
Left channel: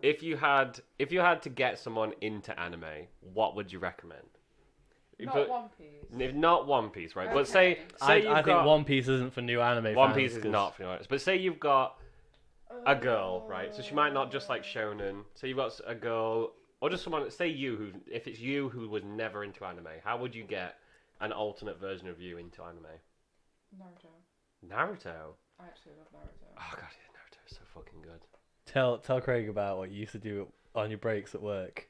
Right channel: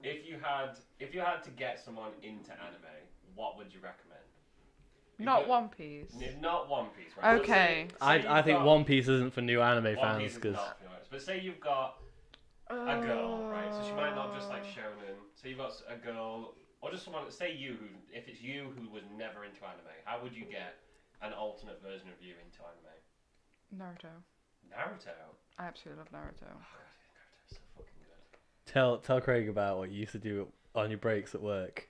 If you had to get someone into anime, what would you recommend? Not One Piece. If not One Piece, right? Okay. But say I think One Piece isn't for new anime fans. One Piece is not for new anime. But say you've got a girl, right? So she might not just like shonen. So you've got a girl, or just someone. Say if it's you who was never into anime, how would you get an alternate version of you into anime? Naruto. I absolutely love Naruto. Oh god, Naruto is so fucking good. Tell Craig about what you used to do on your breaks at work.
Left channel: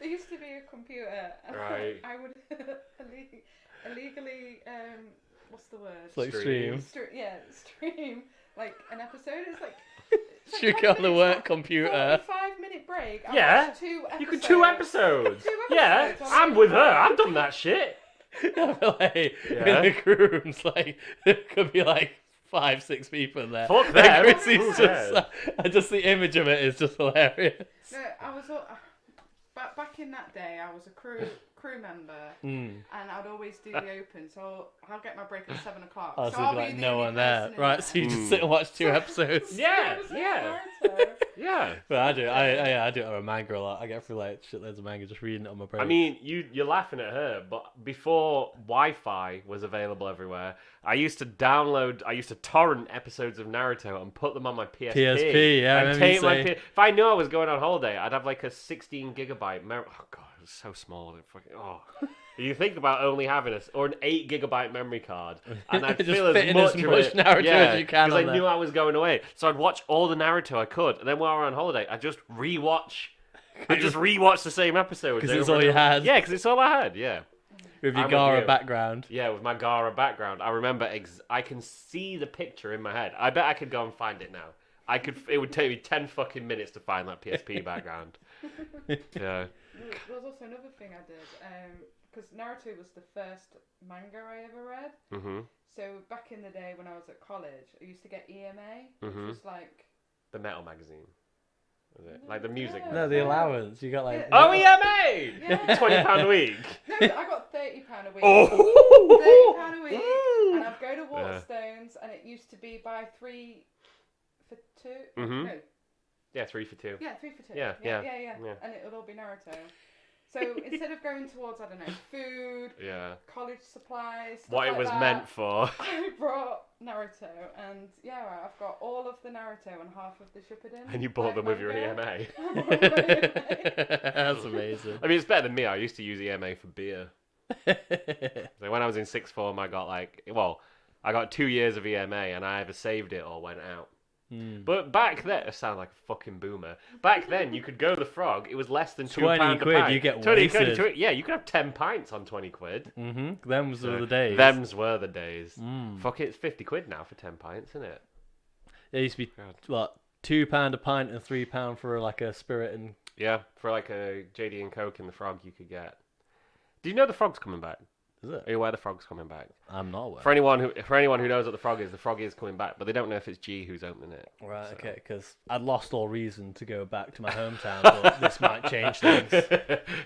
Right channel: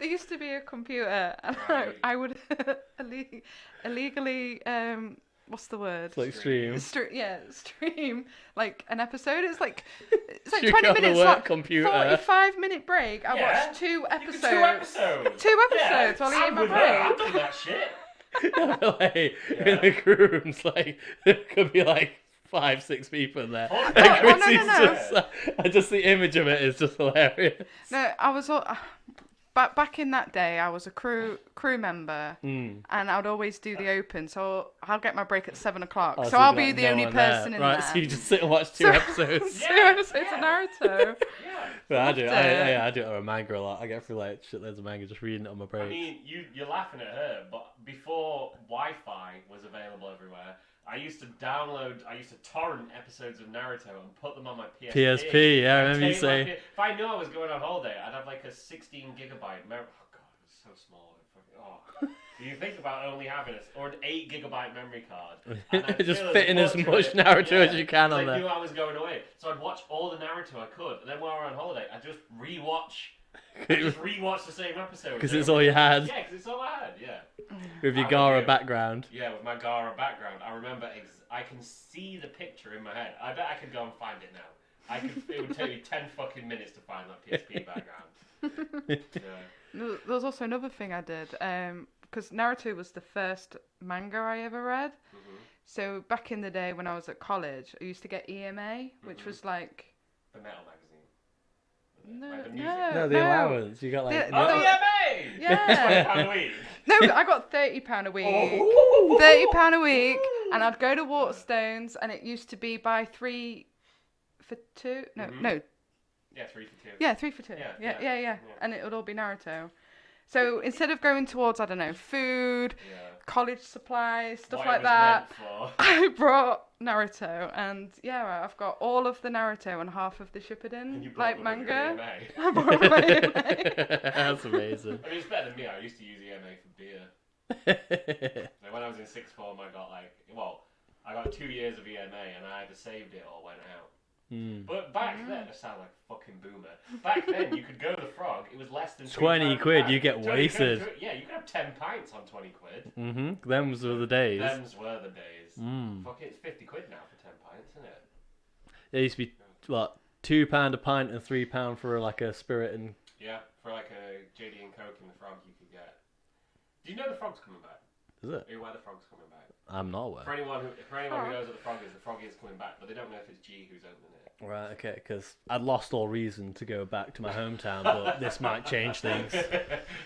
There used to be a computer, and I would illegally what's the word? Like stream. Stream like an episode. It's like you 20 got minutes. the work like computer. 45-minute break. I watched 2 episodes. You could 2 episodes. 2 episodes. Yeah, I'm with her. I've done that shit. Like, in the crew rooms, like there could be like 5-6 people in there. Fuck And that. Chrissy's just the image of it is just hilarious. No, I was back in that day. I was a crew member, and I'd always do the open. So I'll get my break at 7 o'clock. Oh, so I'll be like, the no only one person there. in Right, there. so you just sit and watch 2 episodes. Yeah. Naruto. Yeah. But I do. I do it on a manga a lot. I get through like shitloads of manga just reading it on my break. I mean, you're laughing at her, but before Wi-Fi was available everywhere, I used to torrent episodes of Naruto and put them on my PSP. PSP, yeah, I remember you say. If I knew I was going on holiday, I'd have like a 16 gigabyte memory. Oh god, it so small. You think about only having an 8 gigabyte memory card, and I'd just feel fitting as of much it. Naruto Yeah, as you can 'cause on I there. knew I was going away, so I'd watch all the Naruto I could, and then while we're on holiday, I'd just rewatch. The same episode Because it's all you had. Yeah, because it's all I had. Yeah. With your I'm Gara with you. background. Yeah, with my Gara background, I remember. I can see the picture in my head. I bet I could go and find it now. It would take me 10 fucking minutes to find that PSP background. Yeah. There was also another thing I did, because Naruto was the first manga I ever read. Mhm. So back in the day when I was at college, I used to get EMA, which was like The metal magazine. Was it? No, Like the music. no. No, the allowance. You got like... Yeah. Oh, EMA! Yeah. £20 a week. No, I got £30 a week. Oh. £30 a week, and I'd go to Waterstones, and it used to be buy 3 for 2. No, Mhm. no. Yeah, 3 for 2. Yeah, 3 for 2. Yeah. And it would all be Naruto. So instead of going towards, I don't know, food, college supplies, stuff What like it was that, meant for. I brought Naruto, and I've got all of the Naruto and half of the Shippuden. And you bought them with your EMA. I brought my EMA. That's amazing. I mean, it's better than me. I used to use EMA for beer. So when I was in sixth form, I got 2 years of EMA, and I either saved it or went out. But back then, I sound like a fucking boomer. Back then, you could go to the Frog. It was less than 20 £2 quid, a pint. you get 20 wasted. Yeah, you could have 10 pints on 20 quid. Them's were the days. Them's were the days. Fuck it, it's 50 quid now for 10 pints, isn't it? It used to be, what, £2 a pint and £3 for like a spirit and... Yeah, for like a JD and Coke in the Frog you could get. Do you know the Frog's coming back? Is it? Are you aware the Frog's coming back? I'm not aware. For anyone who knows what the Frog is coming back, but they don't know if it's G who's opening it. Right, okay, because I'd lost all reason to go back to my hometown, but this might change things.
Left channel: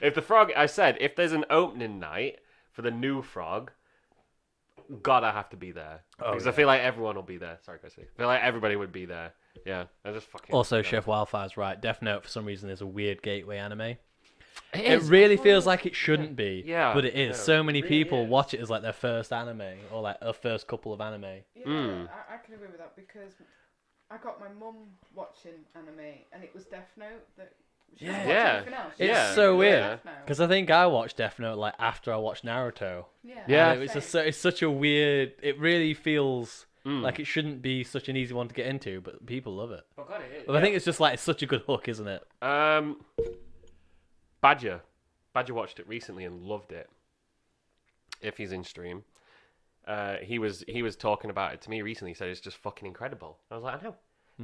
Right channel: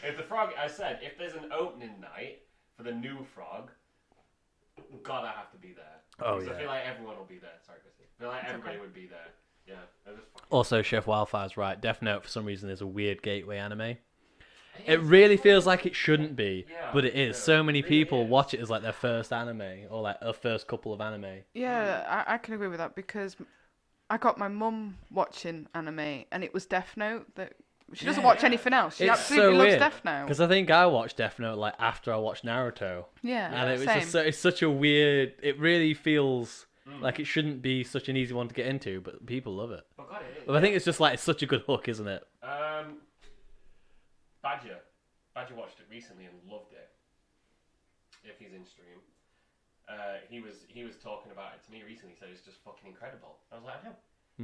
If the Frog, I said, if there's an opening night for the new Frog, God, I have to be there. Because I feel like everyone will be there. Sorry, Krissy. I feel like everybody would be there. Yeah, I just fucking... Also, Chef Wildfire's right. Death Note, for some reason, is a weird gateway anime. It is. really feels like it shouldn't be, Yeah, but it is. yeah, So many it really people is. watch it as like their first anime, or like a first couple of anime. Yeah, I can agree with that, because I got my mum watching anime, and it was Death Note. That she doesn't watch anything else. She It's absolutely so loves weird, Death Note. because I think I watched Death Note like after I watched Naruto. Yeah, And it was just it's such a weird. It really feels Mm. like it shouldn't be such an easy one to get into, but people love it. Oh, God, it is. But I think it's just like it's such a good hook, isn't it? Badger watched it recently and loved it. If he's in stream, he was talking about it to me recently. He said it's just fucking incredible. I was like, I know,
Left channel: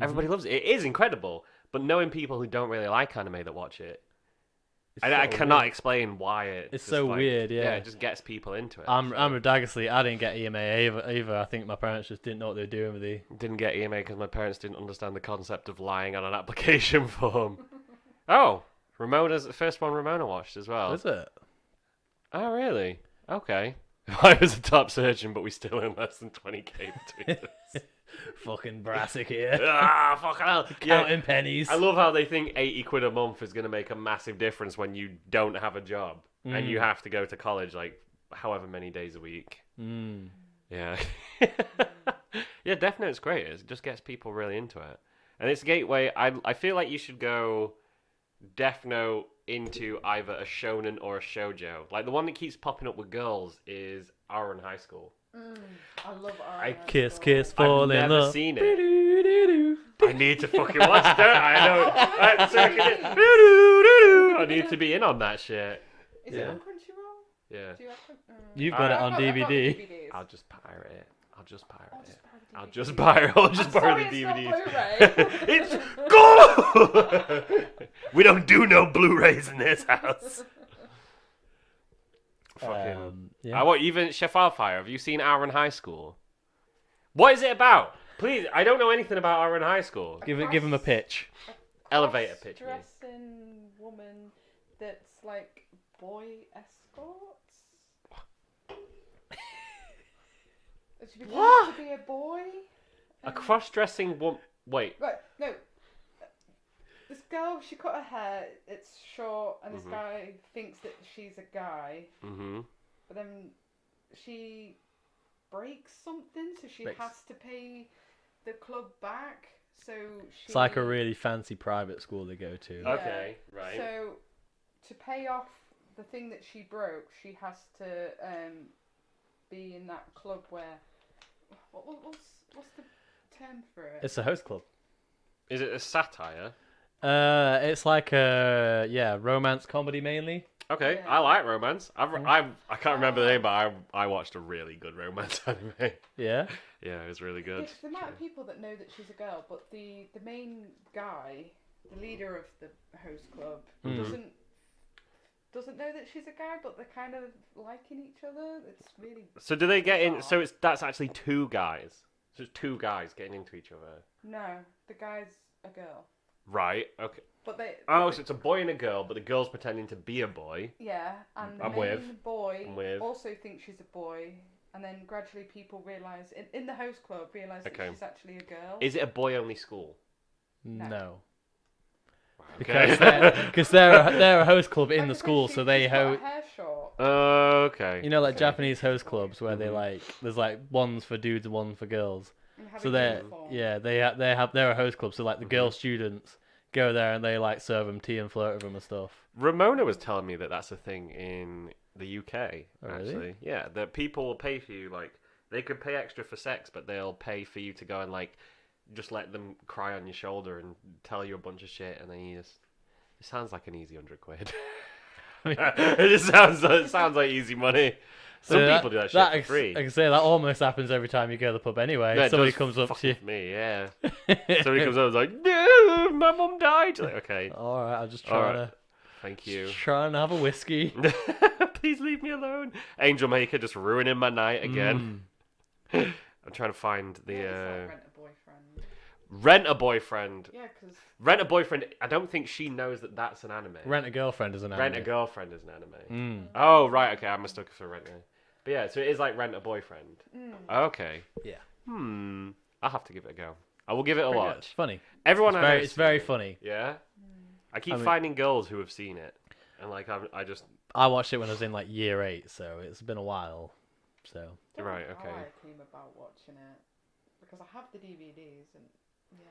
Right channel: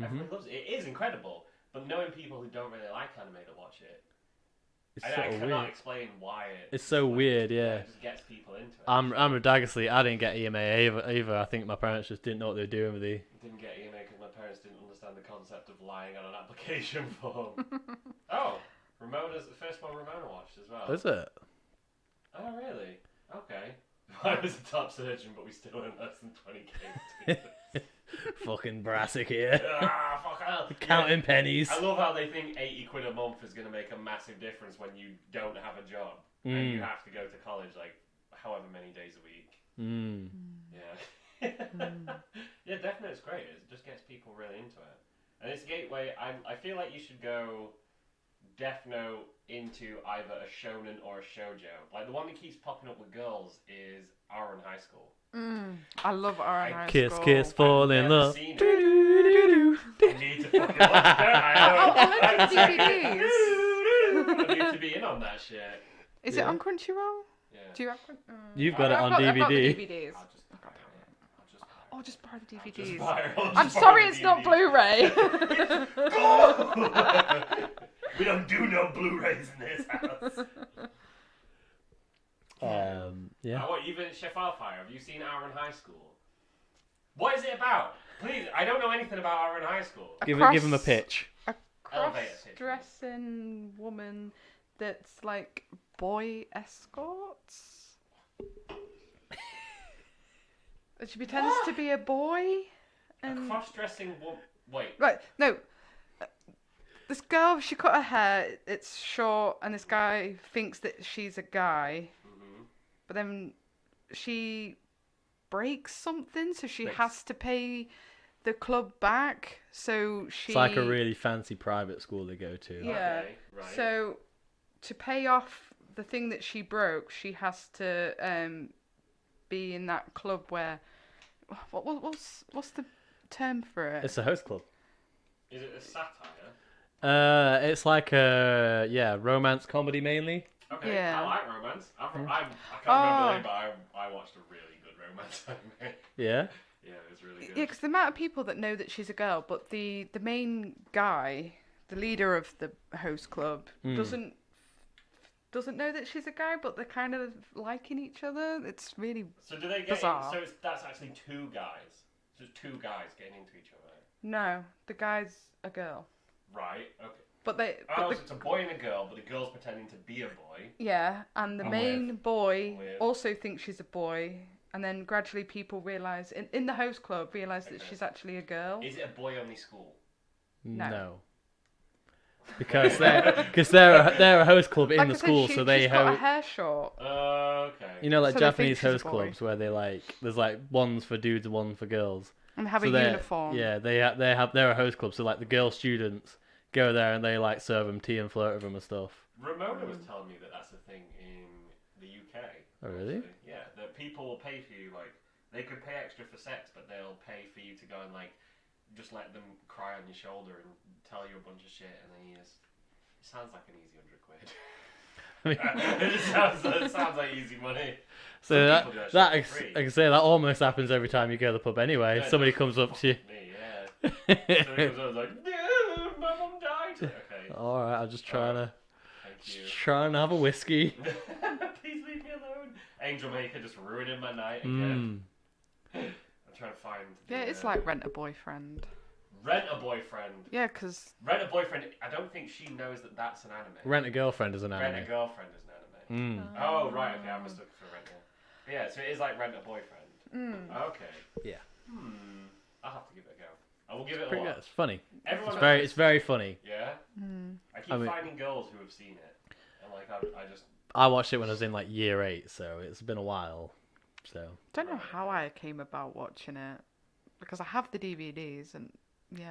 everybody loves it. It is incredible, but knowing people who don't really like anime that watch it, I cannot explain why it. It's just so weird, yeah. It just gets people into it. I'm Radagously. I didn't get EMA either. I think my parents just didn't know what they were doing with the. Didn't get EMA because my parents didn't understand the concept of lying on an application form. Oh, Ramona's the first one Ramona watched as well. Is it? Oh, really? Okay. I was a top surgeon, but we still earn less than 20k between us. Fucking Brassic here. Fuck hell. Counting pennies. I love how they think 80 quid a month is going to make a massive difference when you don't have a job and you have to go to college like however many days a week. Yeah. Yeah, Death Note's great. It just gets people really into it. And it's a gateway. I feel like you should go Death Note into either a shonen or a shoujo. Like the one that keeps popping up with girls is Ouran High School. I love Ouran High Kiss, School. kiss, fall I've in never love. seen it. I need to fucking watch that. I need to be in on that shit. Is it on Crunchyroll? Yeah. Do you have? You've got it on I've got the DVD. DVDs. I'll just pirate it. Oh, just buy the DVDs. I'll just buy it. I'm sorry, it's not Blu-ray. It's go! We don't do no Blu-rays in this house. Yeah. What, even Chef Wildfire, have you seen Ouran High School? What is it about? Please, I don't know anything about Ouran High School. Give him a pitch. Elevator pitch, please. Dressing woman that's like boy escorts. She pretends to be a boy. A cross-dressing woman. Wait. Right, no. This girl, she cut her hair. It's short, and this guy thinks that she's a guy. But then she breaks something, so she has to pay the club back. So she. It's like a really fancy private school they go to. Yeah. Okay, right. So to pay off the thing that she broke, she has to be in that club where what's the term for it? It's a host club. Is it a satire? It's like a romance comedy mainly. Okay, Yeah. I like romance. I can't remember the name, but I watched a really good romance anime. Yeah. Yeah, it was really Yeah, good. because the amount of people that know that she's a girl, but the main guy, the leader of the host club, doesn't know that she's a guy, but they're kind of liking each other. It's really So do they get in? bizarre. So that's actually two guys. So it's two guys getting into each other. no, the guy's a girl, Right. Okay. but they. Oh, but so it's a boy and a girl, but the girl's pretending to be a boy. yeah, and the I'm main with. boy I'm with. also thinks she's a boy, and then gradually people realise in the host club realise that Okay. she's actually a girl. Is it a boy-only school? No. Because they're a host club in Like the I said, school, so they she's got her host. hair short. Okay. You know, like So they think Japanese she's a host boy. clubs where they there's like ones for dudes and one for girls. And have So a they're uniform. they're a host club. So like the girl students go there and they like serve them tea and flirt with them and stuff. Ramona was telling me that that's a thing in the UK. Oh, really? Actually. Yeah, that people will pay for you. Like they could pay extra for sex, but they'll pay for you to go and like just let them cry on your shoulder and tell you a bunch of shit, and then you just. It sounds like an easy £100. I mean, It sounds like easy money. so Some that, people do that shit for free. I can say that almost happens every time you go to the pub anyway. Yeah, it Somebody does comes up to you. fuck Me, yeah. Somebody comes up and is like, no, my mum died. Like, okay, All right, I'm just All trying right. Thank you. trying to have a whiskey. Please leave me alone. Angel Maker just ruining my night again. I'm trying to find the. Yeah, it's like Rent a Boyfriend. Rent a Boyfriend. Yeah, because Rent a Boyfriend. I don't think she knows that that's an anime. Rent a Girlfriend is an anime. Rent a Girlfriend is an anime. Mm. Oh right, okay. I mistook it for Rent a. But yeah, so it is like Rent a Boyfriend. Okay. Yeah. I'll have to give it a go. I will give it a Pretty good. watch. It's funny. Everyone It's very funny. Yeah. I keep finding girls who have seen it, and like I just. I watched it when I was in like year 8, so it's been a while. So don't know Right, how okay. I came about watching it because I have the DVDs and yeah,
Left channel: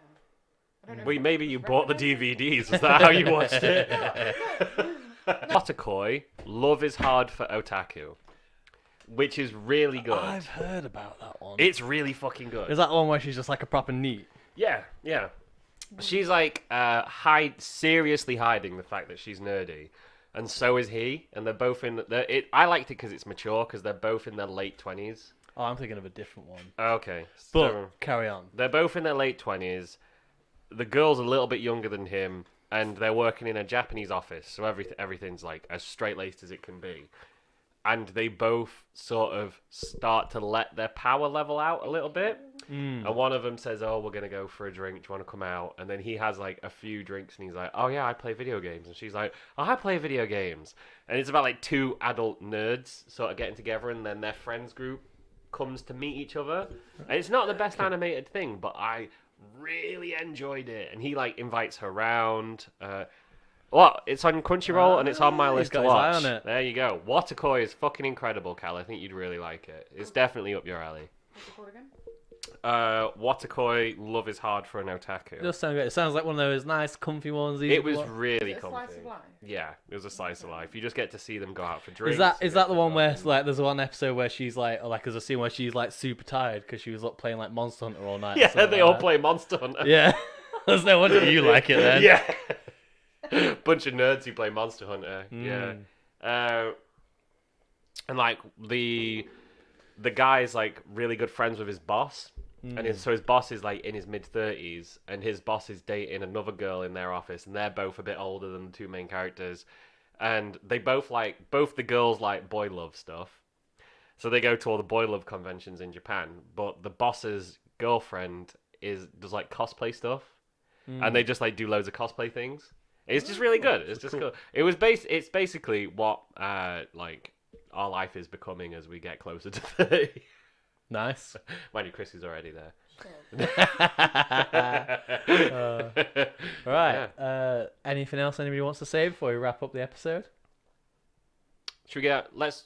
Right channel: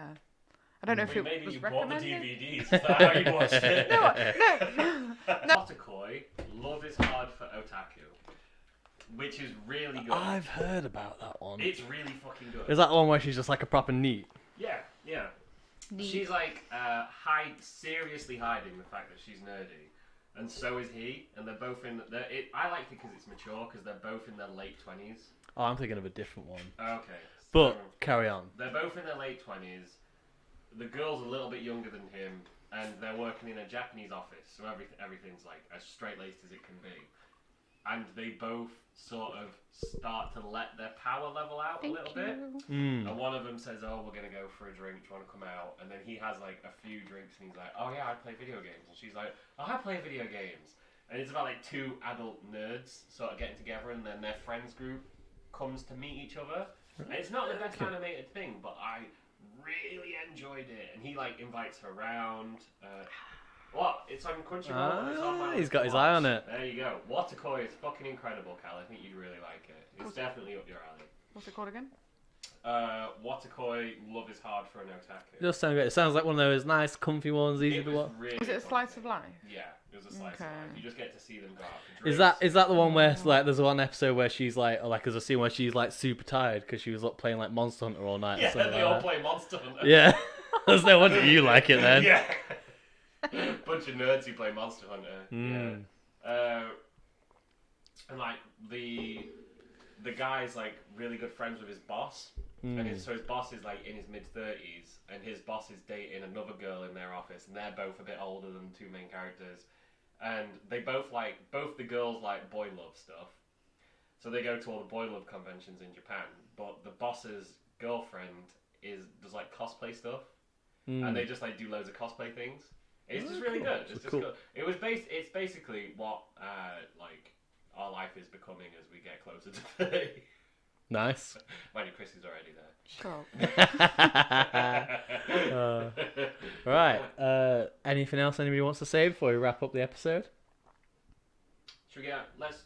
I don't know. Well, if it maybe was you bought the recommended. DVDs. Is that how you watched it? No. Otakoi, Love is Hard for Otaku, which is really good. I've heard about that one. It's really fucking good. Is that the one where she's just like a proper neat? Yeah. She's like seriously hiding the fact that she's nerdy, and so is he. And they're both in. I liked it because it's mature because they're both in their late 20s. Oh, I'm thinking of a different one. Okay, But so carry on. they're both in their late 20s. The girl's a little bit younger than him, and they're working in a Japanese office, so everything's like as straight-laced as it can be. And they both sort of start to let their power level out a little bit. And one of them says, "Oh, we're gonna go for a drink. Do you want to come out?" And then he has like a few drinks, and he's like, "Oh yeah, I play video games." And she's like, "Oh, I play video games." And it's about like two adult nerds sort of getting together, and then their friends group comes to meet each other. And it's not the best animated thing, but I really enjoyed it. And he like invites her around. What? It's on Crunchyroll and it's on my list. He's got to his eye watch. on it. There you go. Waterkoi is fucking incredible, Cal. I think you'd really like it. It's definitely up your alley. What's it called again? Waterkoi, Love is Hard for an Otaku. It does sound good. It sounds like one of those nice, comfy ones. Easy It to was watch. really Was it a comfy. slice of life? Yeah, it was a slice of Okay. life. You just get to see them go out for drinks. Is that the one where like there's one episode where she's like, or like there's a scene where she's like super tired because she was up playing like Monster Hunter all night. or Yeah, something they like all that. play Monster Hunter. Yeah, there's no wonder you like it then. Yeah. Bunch of nerds who play Monster Hunter. Yeah. And like the guy's like really good friends with his boss. And so his boss is like in his mid-30s, and his boss is dating another girl in their office, and they're both a bit older than the two main characters. And they both the girls like boy love stuff. So they go to all the boy love conventions in Japan, but the boss's girlfriend does like cosplay stuff. And they just like do loads of cosplay things. It's just really good. It's just cool. It's basically what like our life is becoming as we get closer to 30. Nice. Mind you, Krissy's already there. Sure. All right. Anything else anybody wants to say before we wrap up the episode? Should we get let's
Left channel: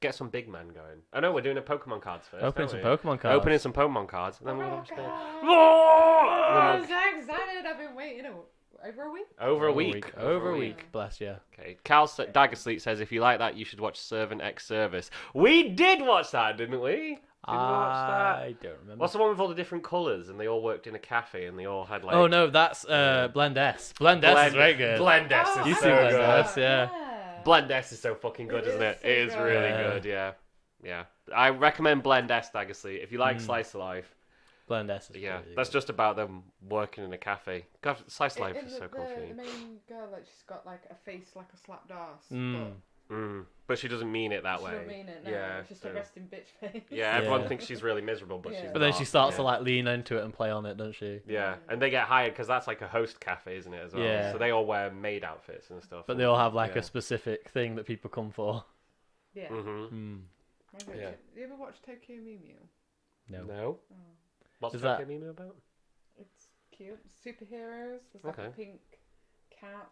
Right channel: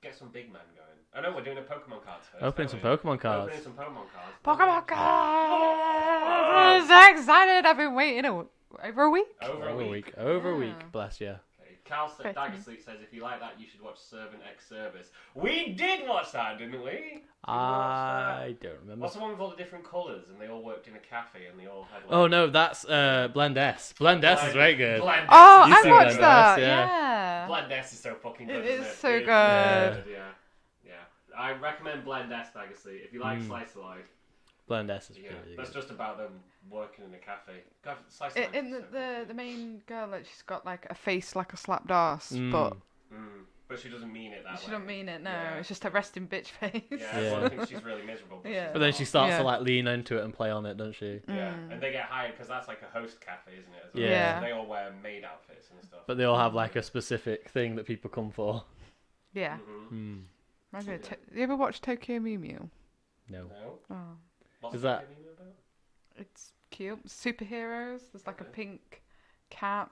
get some big men going. I know we're doing a Pokemon cards first. Opening some aren't Pokemon cards. Opening some Pokemon cards. Pokemon cards! Oh! I'm so excited. I've been waiting. over a week. Over a week. Over a Oh, week. yeah. Bless you. Okay. Cal Okay. Daggersleep says, if you like that, you should watch Servant X Service. We did watch that, didn't we? Did we watch that? I don't remember. What's the one with all the different colours and they all worked in a cafe and they all had like... Oh no, that's Blend S. Blend S is very good. Blend S Oh, is You I see so watched Blend good. that. S, yeah. Yeah. Blend S is so fucking good, It isn't is it? so It is good. really good, yeah. Yeah. I recommend Blend S, Daggersleep. If you like Slice of Life, Blend S is yeah, really that's good. just about them working in a cafe. God, Slice of Life In is the, so cool for the me. main girl, like she's got like a face like a slapped ass, Mm. but But she doesn't mean it that she way. don't mean it. No, Yeah, it's just yeah. a resting bitch face. Yeah, everyone Yeah. thinks she's really miserable, but Yeah. she's But then not. she starts to Yeah. like lean into it and play on it, doesn't she? Yeah, and they get hired because that's like a host cafe, isn't it? As well? Yeah. So they all wear maid outfits and stuff. But they all have like Yeah. a specific thing that people come for. Yeah. Mm-hmm. Maybe Yeah. you ever watch Tokyo Mew Mew? No. No. Oh, What's Is that- Tokyo Mew about? it's cute. Superheroes. There's like a Okay. pink cat.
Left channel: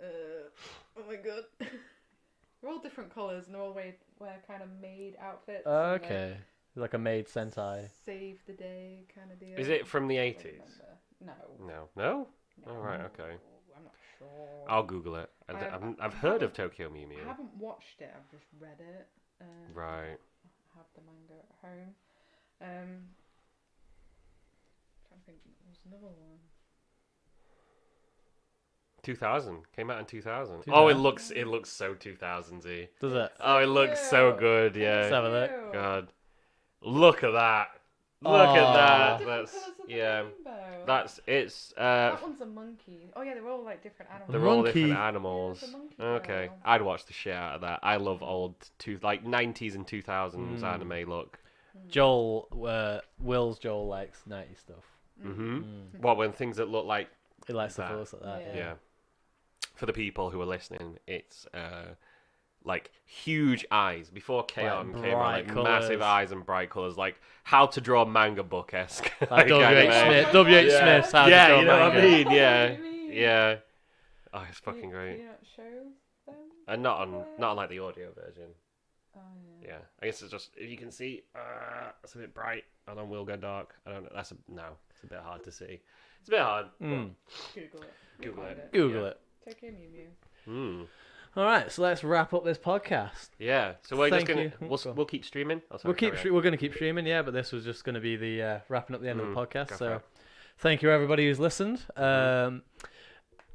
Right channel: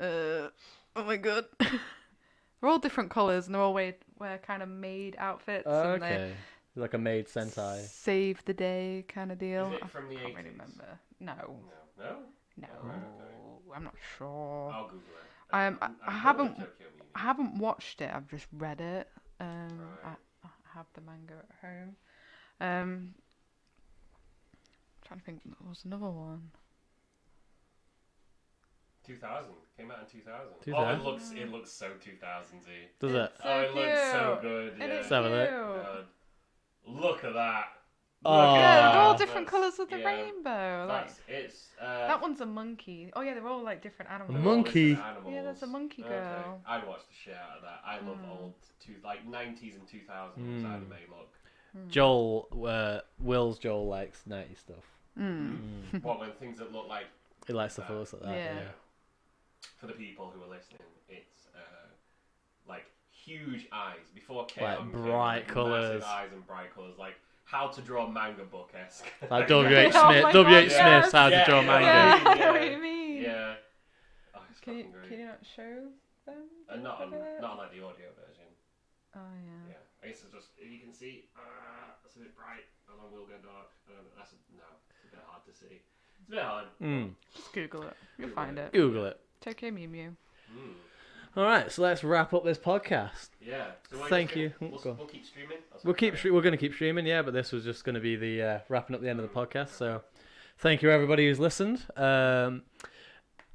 Oh my god. They're all different colours and they're all wear kind of maid outfits. and they Okay. Like a maid sentai. Save the day kind of deal. Is it from the I can't 80s? really remember. No. No. No. Oh, right, okay. I'm not sure. I'll Google it. I I've heard of haven't- Tokyo Mew Mew. I haven't watched it. I've just read it. Right. I have the manga at home. Trying to think. There was another one. 2000 came out in 2000. 2000. Oh, it looks so 2000s-y. Does it? Oh, it looks so cute. good. It Yeah. is Let's have a look. cute. God, look at that. Look Aw. at Yeah, that. they're all different That's- colours of the yeah, rainbow. That's it's. that one's a monkey. Oh yeah, they're all like different animals. They're all monkey. different Yeah, animals. there's a monkey Okay, girl. I'd watch the shit out of that. I love Mm. old like 90s and 2000s anime look. Joel, Will's Joel likes 90s stuff. Mm. What when things that look like He likes stuff That. that looks like that. Yeah. yeah. For the people who are listening, it's like huge eyes before Chaos. bright colours. massive eyes and bright colors, like how to draw manga book esque. Like W.H. Oh Smith. my W.H. God, Smith's How yeah, to Draw you know what I Manga. mean? I know Yeah, what you mean. yeah. Oh, it's Can fucking you- great. Can you not show them? And not on like the audio version. Oh yeah. Yeah, I guess it's just if you can see, it's a bit bright, and then will go dark. I don't know. It's a bit hard to see. It's a bit hard. Google it. You'll find it. Google it. Tokyo Mew Mew. All right, so let's wrap up this podcast. Yeah. So we're Thank just gonna, you. Oh, go on. We'll keep streaming. Oh, sorry, We're carry on. going to keep streaming, yeah, but this was just going to be the wrapping up the end of the podcast. okay. So, thank you everybody who's listened.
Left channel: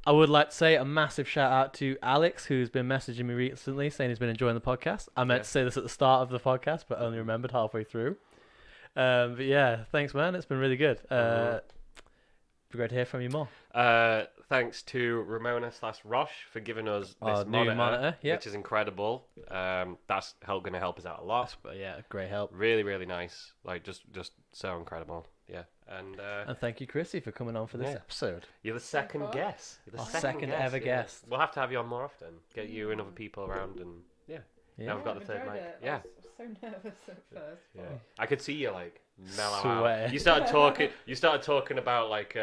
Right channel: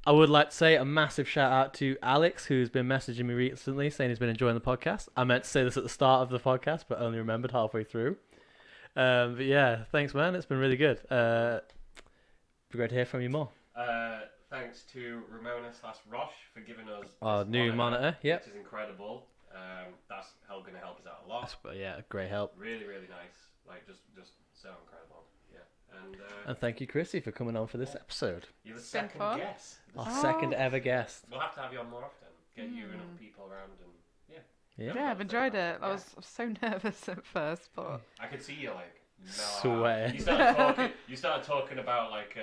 I would like to say a massive shout out to Alex, who's been messaging me recently saying he's been enjoying the podcast. I meant to say this at the start of the podcast, but only remembered halfway through. But yeah, thanks, man. It's been really good. Be great to hear from you more. Thanks to Ramona/Roche for giving us this Our new monitor, yep. which is incredible. That's going to help us out a lot. But yeah, great help. Really, really nice. Like just so incredible. Yeah. And thank you, Krissy, for coming on for this Yeah. episode. You're the second fun. guest. You're the Our second ever guest. We'll have to have you on more often. Get you and other people around, and yeah. Yeah. Yeah, got I've the enjoyed third it. mic. I was so nervous at first, but I could see you like mellow Swear. out. You started talking about like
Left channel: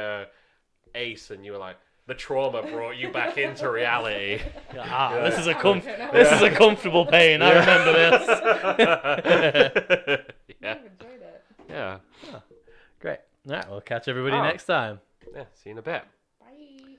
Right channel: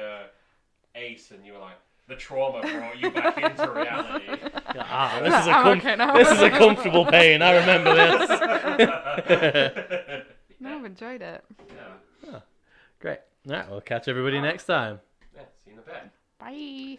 Ace, and you were like, the trauma brought you back into reality. This is a I'm okay now. this is a comfortable pain. I remember this. no, I've enjoyed it. Yeah. Great. All right, we'll catch everybody Oh. next time. Yeah. See you in a bit. Bye.